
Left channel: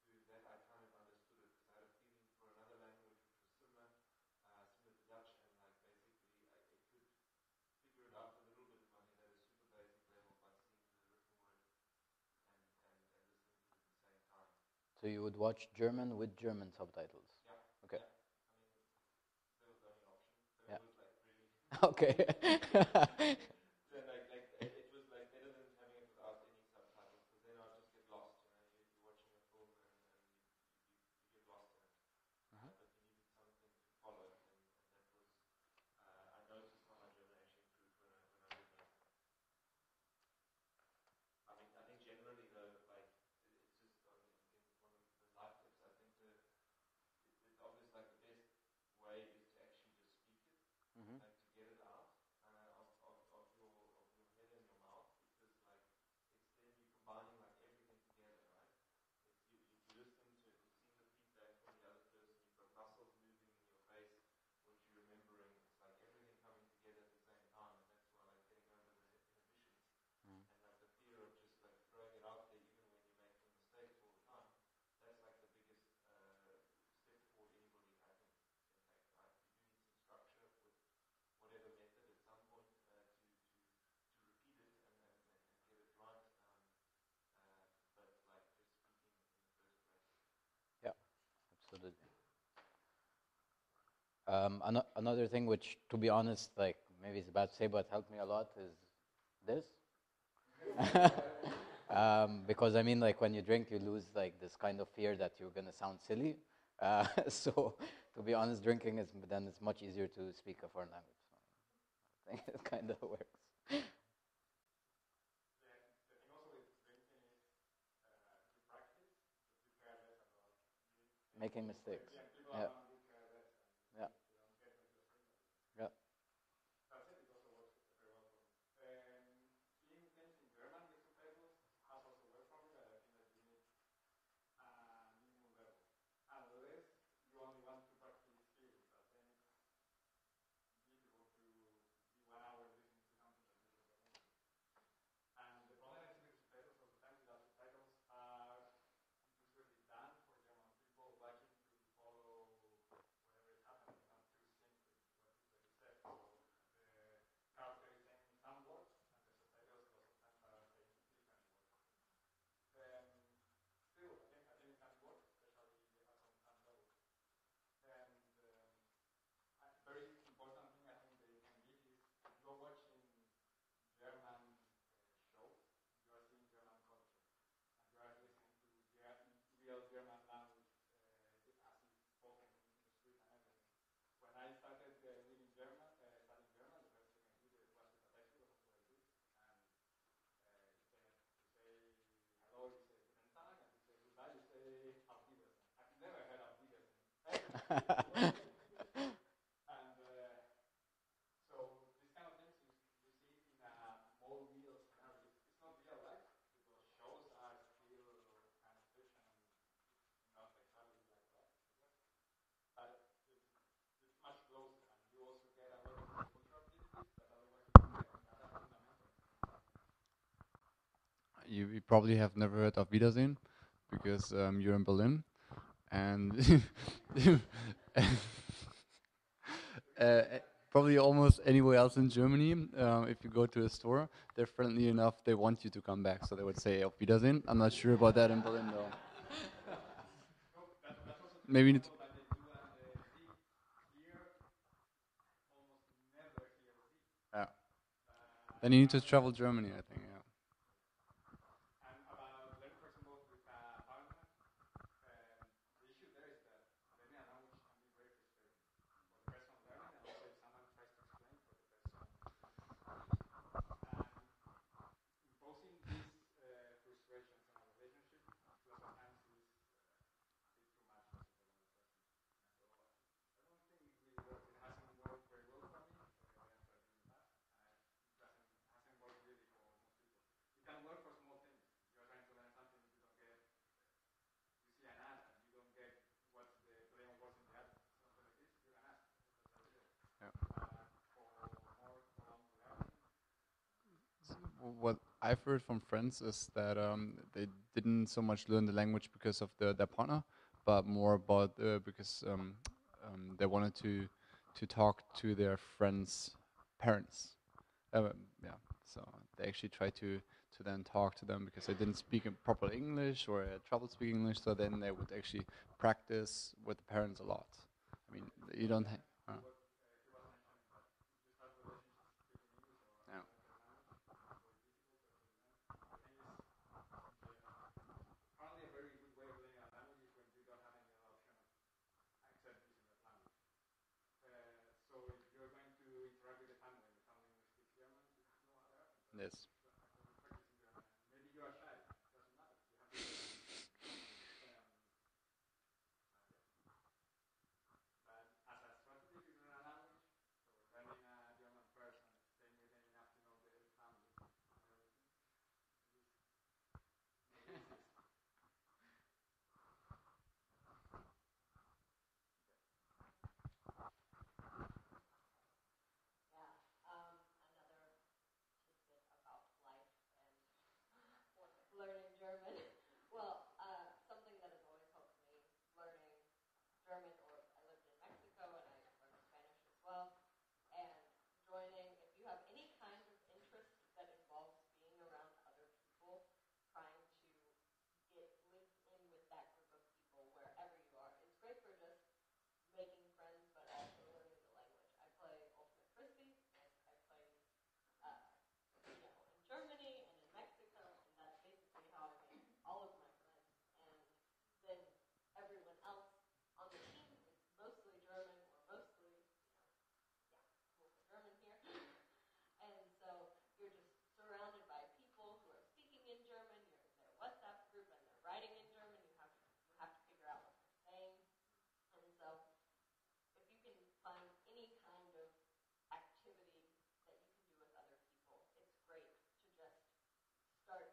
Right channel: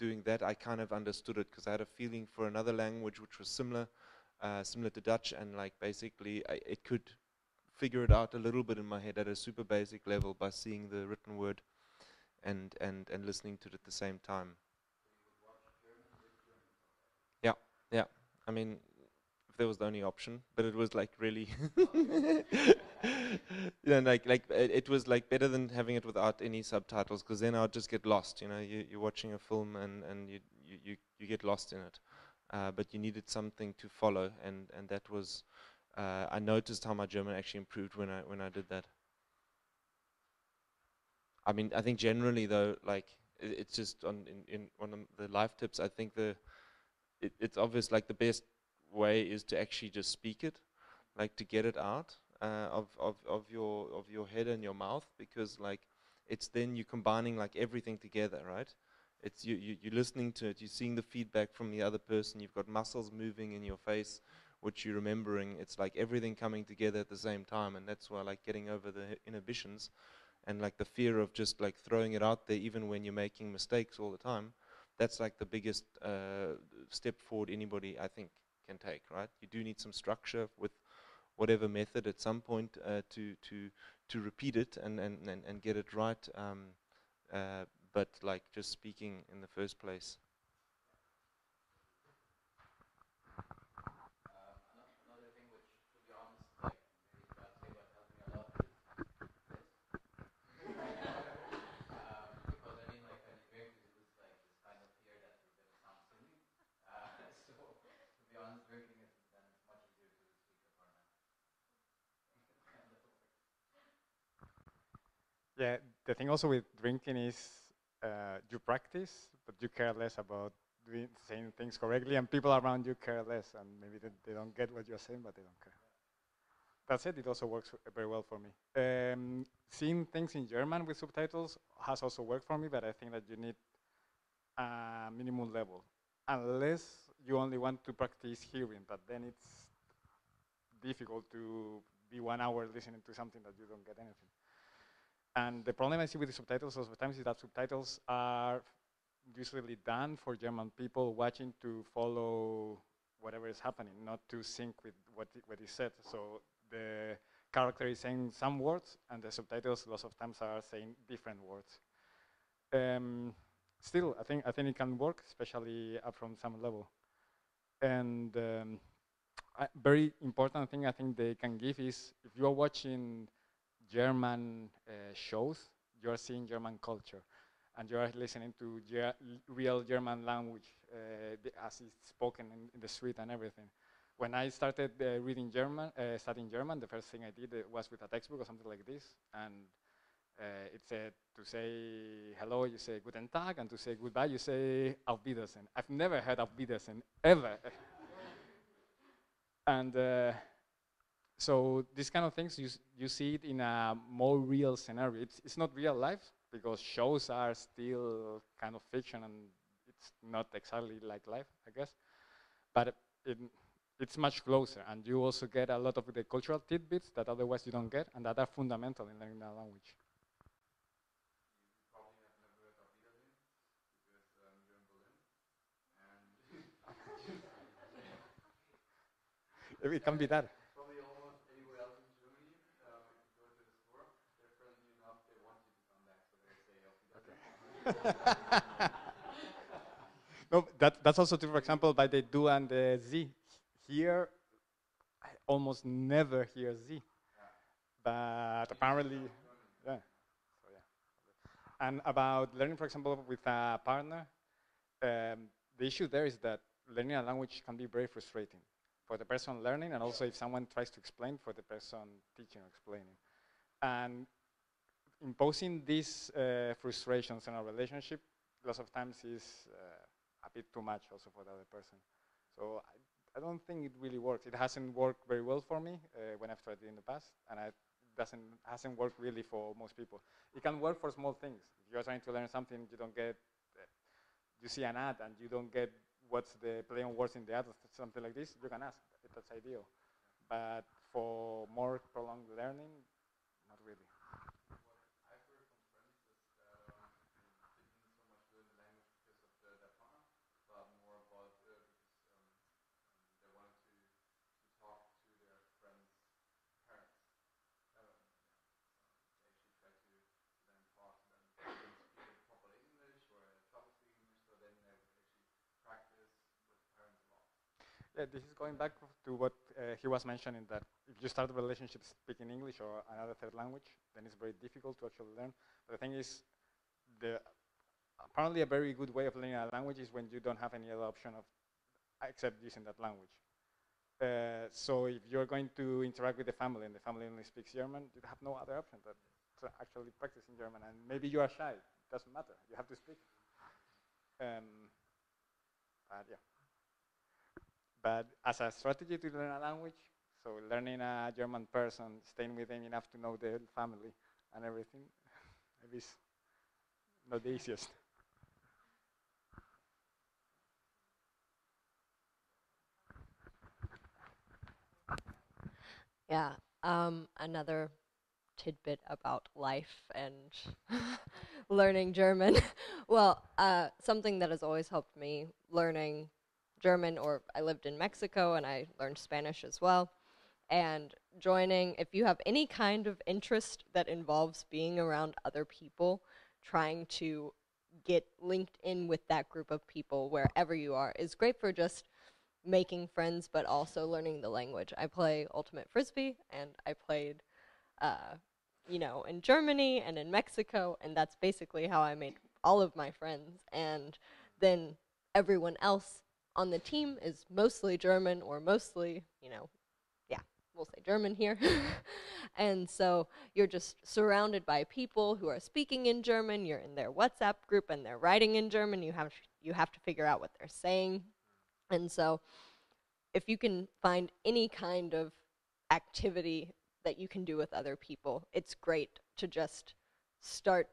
doing that, I kind of understood it because I had a feeling for another language which was similar to Dutch, and like basically it could figure it out a little bit in my head at a super basic level by seeing the written word and listening to it at the same time. So you would watch German with German subtitles? Yeah, okay. Yeah. I mean, if there was the only option, but it was like really okay. you know, like it was like better than having it without any subtitles, because then I'd just get lost. You know, you're watching a film and you get lost in it, but you needed something to follow, and that was I noticed how my German actually improved when I did that. I mean, I think generally though, like it's just in one of the life tips. I think it's obvious, like the best way is to actually just speak it, like to get it out of your head and your mouth, because like it's then you combining like everything together, right? It's you're listening to it, you're seeing the feedback from the other person, you've got muscles moving in your face, which you're remembering. It's like everything coming together at the same time, and that's why like getting over the inhibitions and like the fear of just like throwing it out there, even when you're making mistakes all the time. That's like the biggest step forward anybody, I think, can take, right? You do need some structure with whatever method at some point to repeat it and get it right. But like just speaking in the first place. Yeah, absolutely. Another thing which, to be honest, like maybe it's bad to say, but helped me a lot is this. Because I mean, like when you drink, you lose like this kind of fear that you're gonna sound silly. So to be honest, drinking is then it's much easier to speak a foreign language. So I think it kind of works. Yeah, the thing also with drinking is you practice, but you care less about doing saying Making things mistakes. correctly, and people Yeah. around you care less, and maybe Yeah. they don't get what you're saying, but they don't care. Yeah. That said, it also works very well for me. Seeing things in German with subtitles has also worked for me, but I think that you need a minimum level, unless you only want to practice hearing, but then it's difficult to be 1 hour listening to something that you don't get anything. And the problem I see with the subtitles sometimes is that subtitles are usually done for German people watching to follow whatever is happening, not to sync with what is said. So the character is saying some words, and the subtitles lots of times are saying different words. Still, I think it can work, especially up from some level. And very important thing I think they can give is if you are watching German shows, you are seeing German culture, and you are listening to real German language as it's spoken in the street and everything. When I started reading German, studying German, the first thing I did was with a textbook or something like this, and it said to say hello, you say Guten Tag, and to say goodbye, you say Auf Wiedersehen. I've never heard Auf Wiedersehen, ever. And so these kind of things, you see it in a more real scenario. It's not real life, because shows are still kind of fiction, and it's not exactly like life, I guess. But it's much closer, and you also get a lot of the cultural tidbits that otherwise you don't get, and that are fundamental in learning a language. You probably have never heard of Wiedersehen, because you're in Berlin, and It can be that. probably almost anywhere else in Germany. If you go to a store, they're friendly enough, they want you to come back, so they would say Auf Wiedersehen. I'm not sure about that in Berlin, though. No, that's also true, for Maybe example, by the do and the Z. Here, I almost never hear Z. Yeah. But And you need to apparently- travel Germany, I Yeah. think. Yeah. So, yeah. And about learning, for example, with a partner, the issue there is that learning a language can be very frustrating for the person learning, and also if someone tries to explain, for the person teaching or explaining. And imposing these frustrations in a relationship lots of times is a bit too much also for the other person. So I don't think it really works. It hasn't worked very well for me when I've tried it in the past, and it hasn't worked really for most people. It can work for small things. If you're trying to learn something, you don't get, you see an ad and you don't get what's the play on words in the ad or something like this, you can ask if that's ideal. Yeah. But for more prolonged learning, not really. What I've heard from friends is that they didn't so much learn the language because of their partner, but more about because they wanted to talk to their friends' parents. Yeah, so they actually tried to then talk to them because they didn't speak in proper English or had trouble speaking English. So then they would actually practice with the parents a lot. I mean, you Going don't back to what he was mentioning, that if you start a relationship speaking English or another third language, then it's very difficult to actually learn. But the thing is, apparently a very good way of learning a language is when you don't have any other option of except using that language. So if you're going to interact with the family and the family only speaks German, you have no other option than Yes. to actually practice in German. And maybe you are shy. It doesn't matter. You have to speak. But yeah. But as a strategy to learn a language, so learning a German person, staying with them enough to know their family and everything, maybe it's not the easiest. Yeah. Another tidbit about life and learning German. Well, something that has always helped me learning German, or I lived in Mexico and I learned Spanish as well. And joining, if you have any kind of interest that involves being around other people, trying to get linked in with that group of people wherever you are is great for just making friends, but also learning the language. I play Ultimate Frisbee, and I played, in Germany and in Mexico, and that's basically how I made all of my friends. And then everyone else on the team is mostly German, or mostly, we'll say German here. And so you're just surrounded by people who are speaking in German. You're in their WhatsApp group and they're writing in German. You have to figure out what they're saying. And so if you can find any kind of activity that you can do with other people, it's great to just start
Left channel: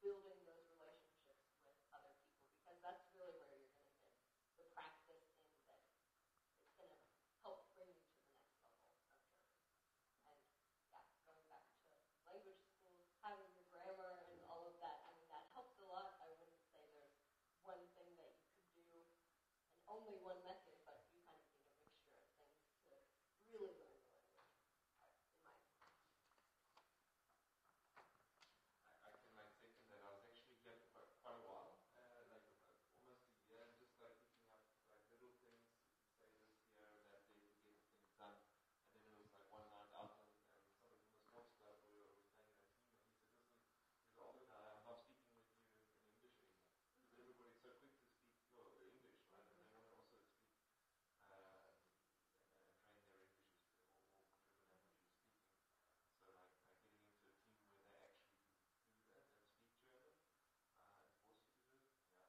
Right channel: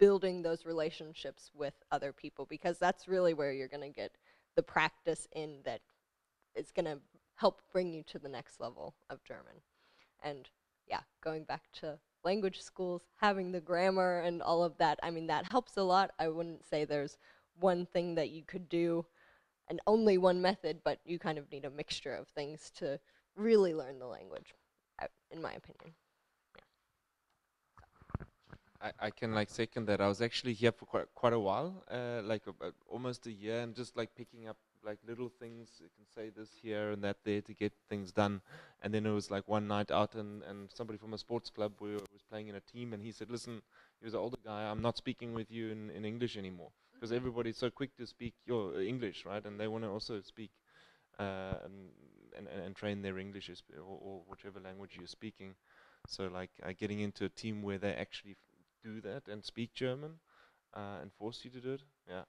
building those relationships with other people, because that's really where you're going to get the practice in that is going to help bring you to the next level of German. And yeah, going back to language schools, having the grammar and all of that, I mean, that helps a lot. I wouldn't say there's one thing that you could do and only one method, but you kind of need a mixture of things to really learn the language, in my opinion. I can like second that. I was actually here for quite a while, like almost a year, and just like picking up like little things. You can say this here and that there to get things done. And then it was like one night out, and somebody from a sports club was playing in a team, and he said, "Listen, he was an older guy. I'm not speaking with you in English anymore, because everybody's so quick to speak your English, right? And they want to also speak and train their English or whichever language you're speaking. So like getting into a team where they actually do that and speak German and force you to do it. Yeah.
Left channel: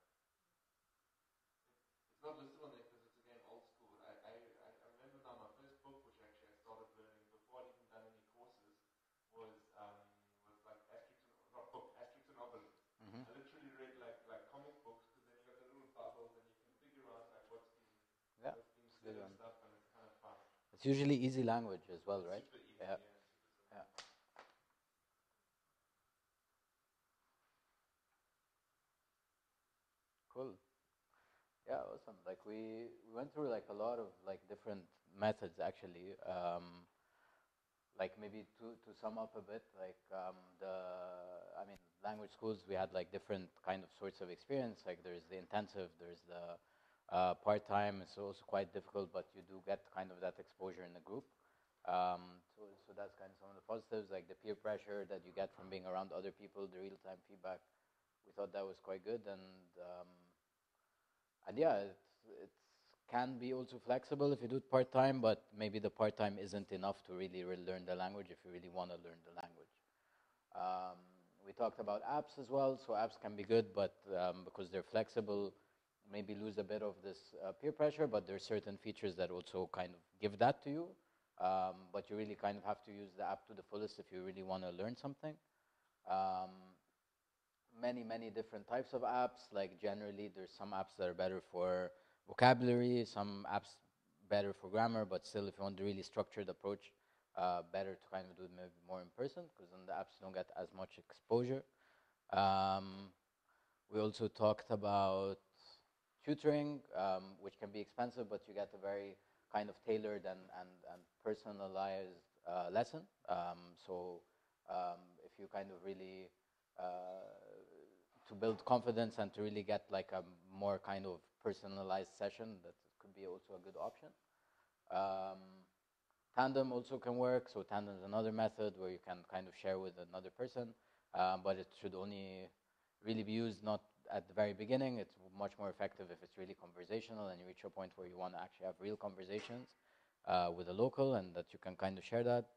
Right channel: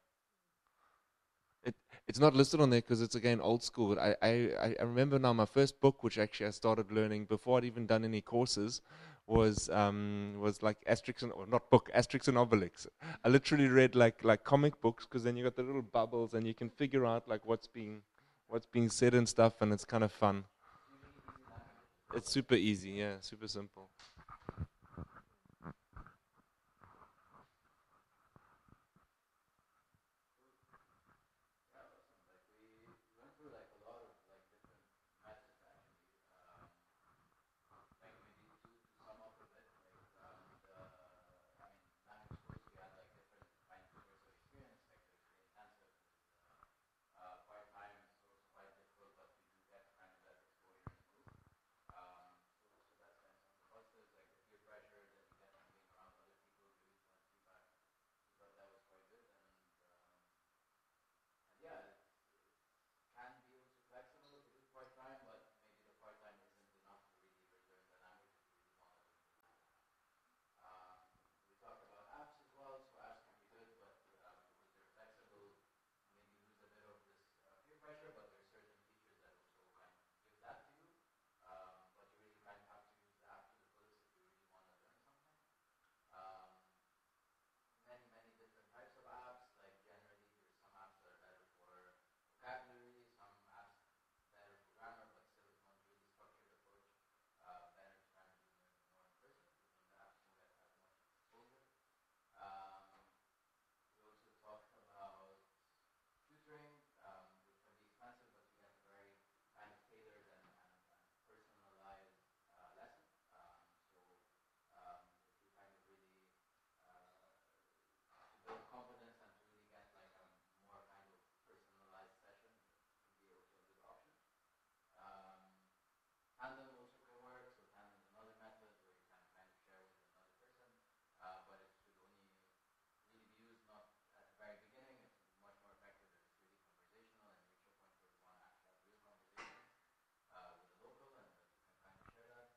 It's not listed on there because it's again old school. But I remember now my first book, which actually I started learning before I'd even done any courses, was like Asterix and, or not book, Asterix and Obelix. I literally read like comic books, because then you got the little bubbles and you can figure out like what's being said and stuff, and it's kind of fun. It's usually easy language as well. It's right? super easy, yeah, super simple. Cool. Yeah, awesome. Like we went through like a lot of like different methods actually. Like maybe to sum up a bit, like language schools, we had like different kind of sorts of experience. Like there's the intensive, there's the part-time. It's also quite difficult, but you do get kind of that exposure in the group. So that's kind of some of the positives, like the peer pressure that you get from being around other people, the real-time feedback. We thought that was quite good, and yeah, it can be also flexible if you do it part-time, but maybe the part-time isn't enough to really learn the language if you really want to learn the language. We talked about apps as well, so apps can be good, but because they're flexible, maybe lose a bit of this peer pressure, but there are certain features that also kind of give that to you, but you really kind of have to use the app to the fullest if you really want to learn something. Many different types of apps. Like generally, there's some apps that are better for vocabulary, some apps better for grammar, but still, if you want a really structured approach, better to kind of do it maybe more in person, because in the apps you don't get as much exposure. We also talked about tutoring, which can be expensive, but you get a very kind of tailored and personalized lesson. If you kind of really to build confidence and to really get like a more kind of personalized session, that could be also a good option. Tandem also can work. So tandem is another method where you can kind of share with another person, but it should only really be used not at the very beginning. It's much more effective if it's really conversational and you reach a point where you want to actually have real conversations with a local, and that you can kind of share that.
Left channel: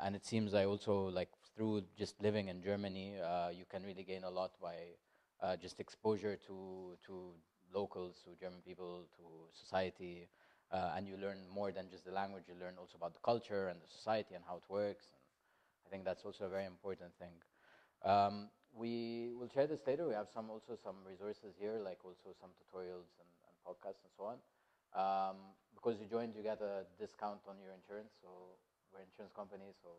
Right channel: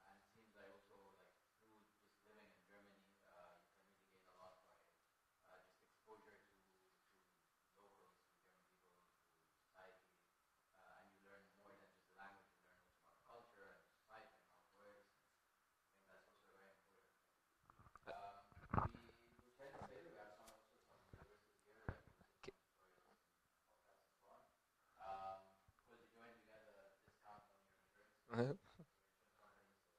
And it seems I also like through just living in Germany, you can really gain a lot by just exposure to locals, to German people, to society, and you learn more than just the language. You learn also about the culture and the society and how it works. And I think that's also a very important thing. We will share this later. We have some resources here, like also some tutorials and podcasts and so on. Because you joined, you get a discount on your insurance. So we're an insurance company, so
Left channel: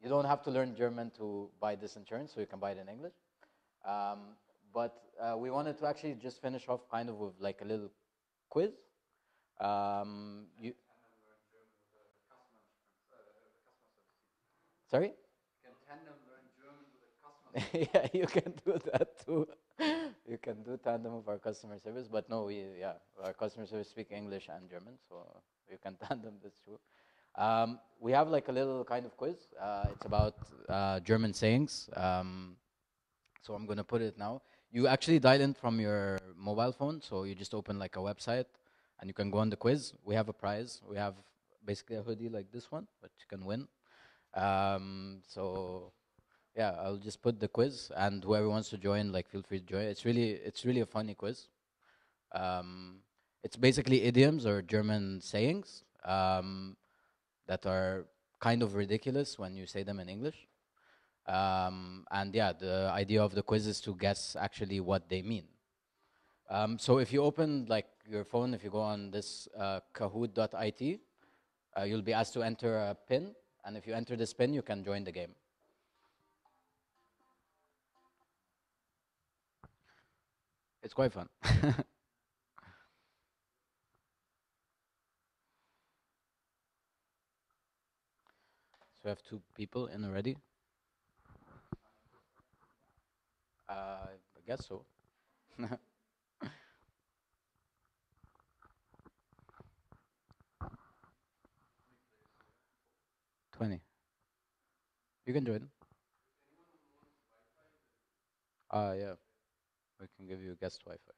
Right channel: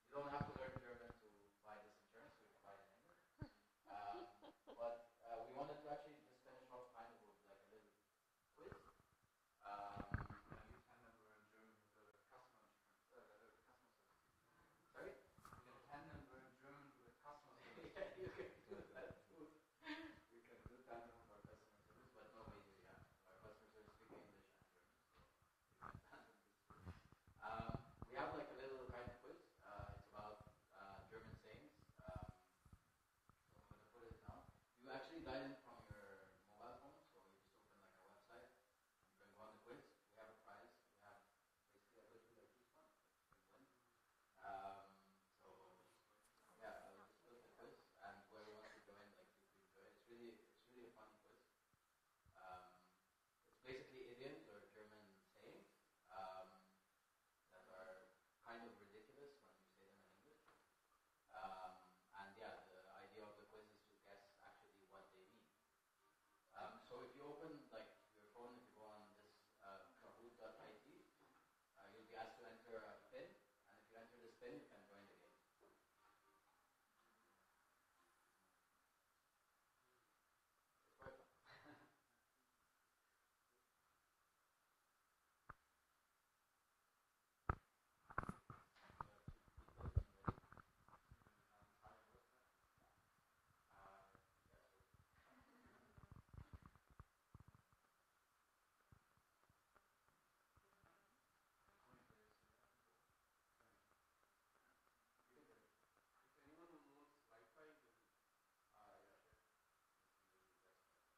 you don't have to learn German to buy this insurance, so you can buy it in English. But we wanted to actually just finish off kind of with like a little quiz. Sorry? Yeah, you can do that too. You can do tandem of our customer service, but no, our customer service speak English and German, so you can tandem this too. We have like a little kind of quiz. It's about German sayings. So I'm gonna put it now. You actually dial in from your mobile phone, so you just open like a website, and you can go on the quiz. We have a prize. We have basically a hoodie like this one, which you can win. So yeah, I'll just put the quiz, and whoever wants to join, like, feel free to join. It's really a funny quiz. Um, it's basically idioms or German sayings that are kind of ridiculous when you say them in English. And yeah, the idea of the quiz is to guess actually what they mean. So if you open like your phone, if you go on this kahoot.it, you'll be asked to enter a pin, and if you enter this pin, you can join the game. It's quite fun. So we have 2 people in already. I guess so. 20. You can join. Yeah. We can give you guest Wi-Fi.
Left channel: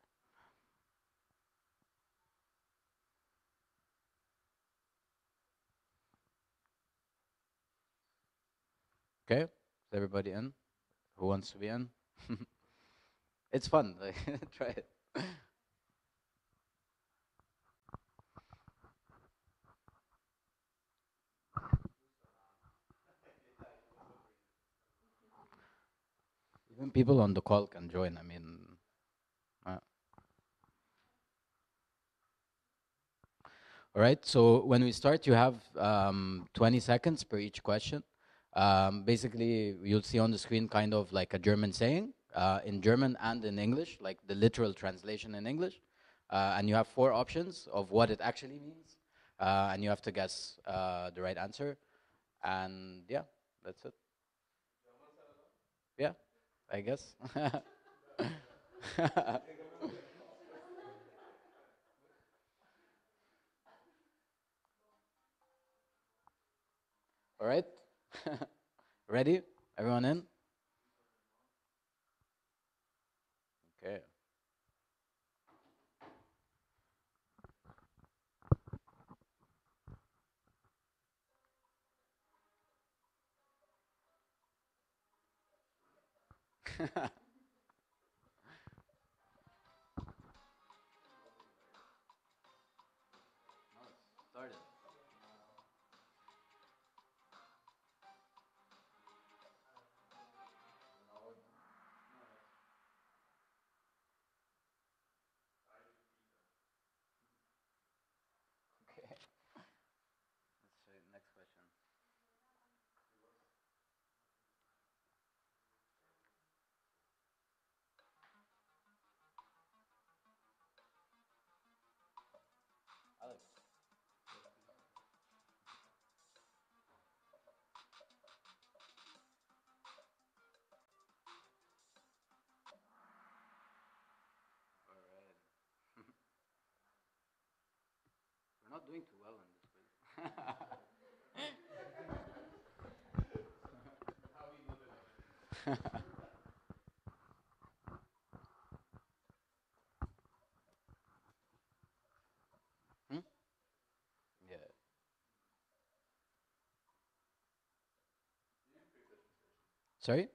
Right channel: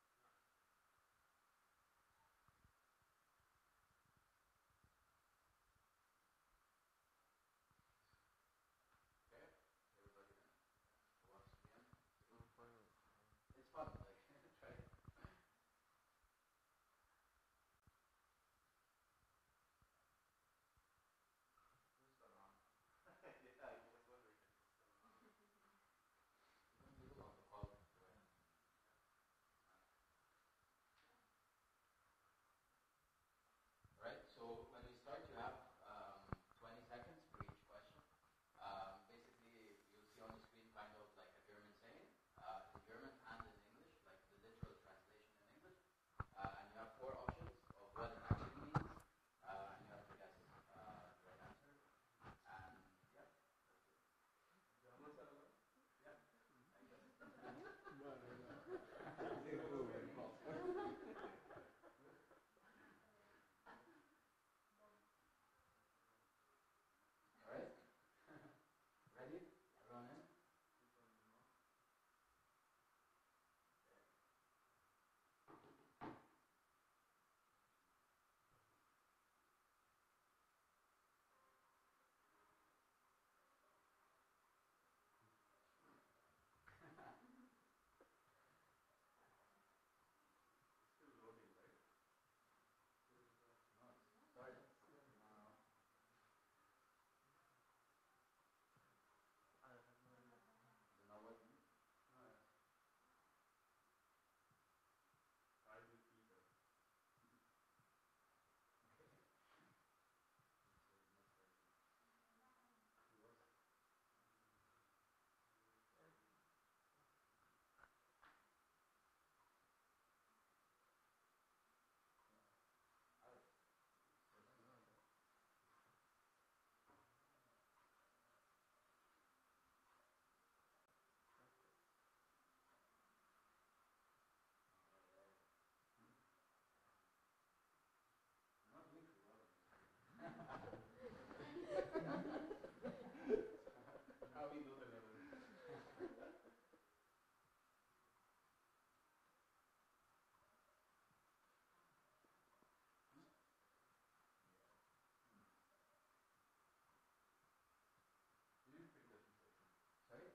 Okay. Is everybody in? Who wants to be in? It's fun. Like, try it. Even people on the call can join. I mean, uh, all right. So when we start, you have 20 seconds per each question. Basically, you'll see on the screen kind of like a German saying in German and in English, like the literal translation in English. And you have 4 options of what it actually means. And you have to guess the right answer. And yeah, that's it. Yeah, I guess. All right. Ready? Everyone in? Okay. Started. Okay. Let's show you the next question. Alex. All right. We're not doing too well in this quiz. Hmm? Yeah. Sorry?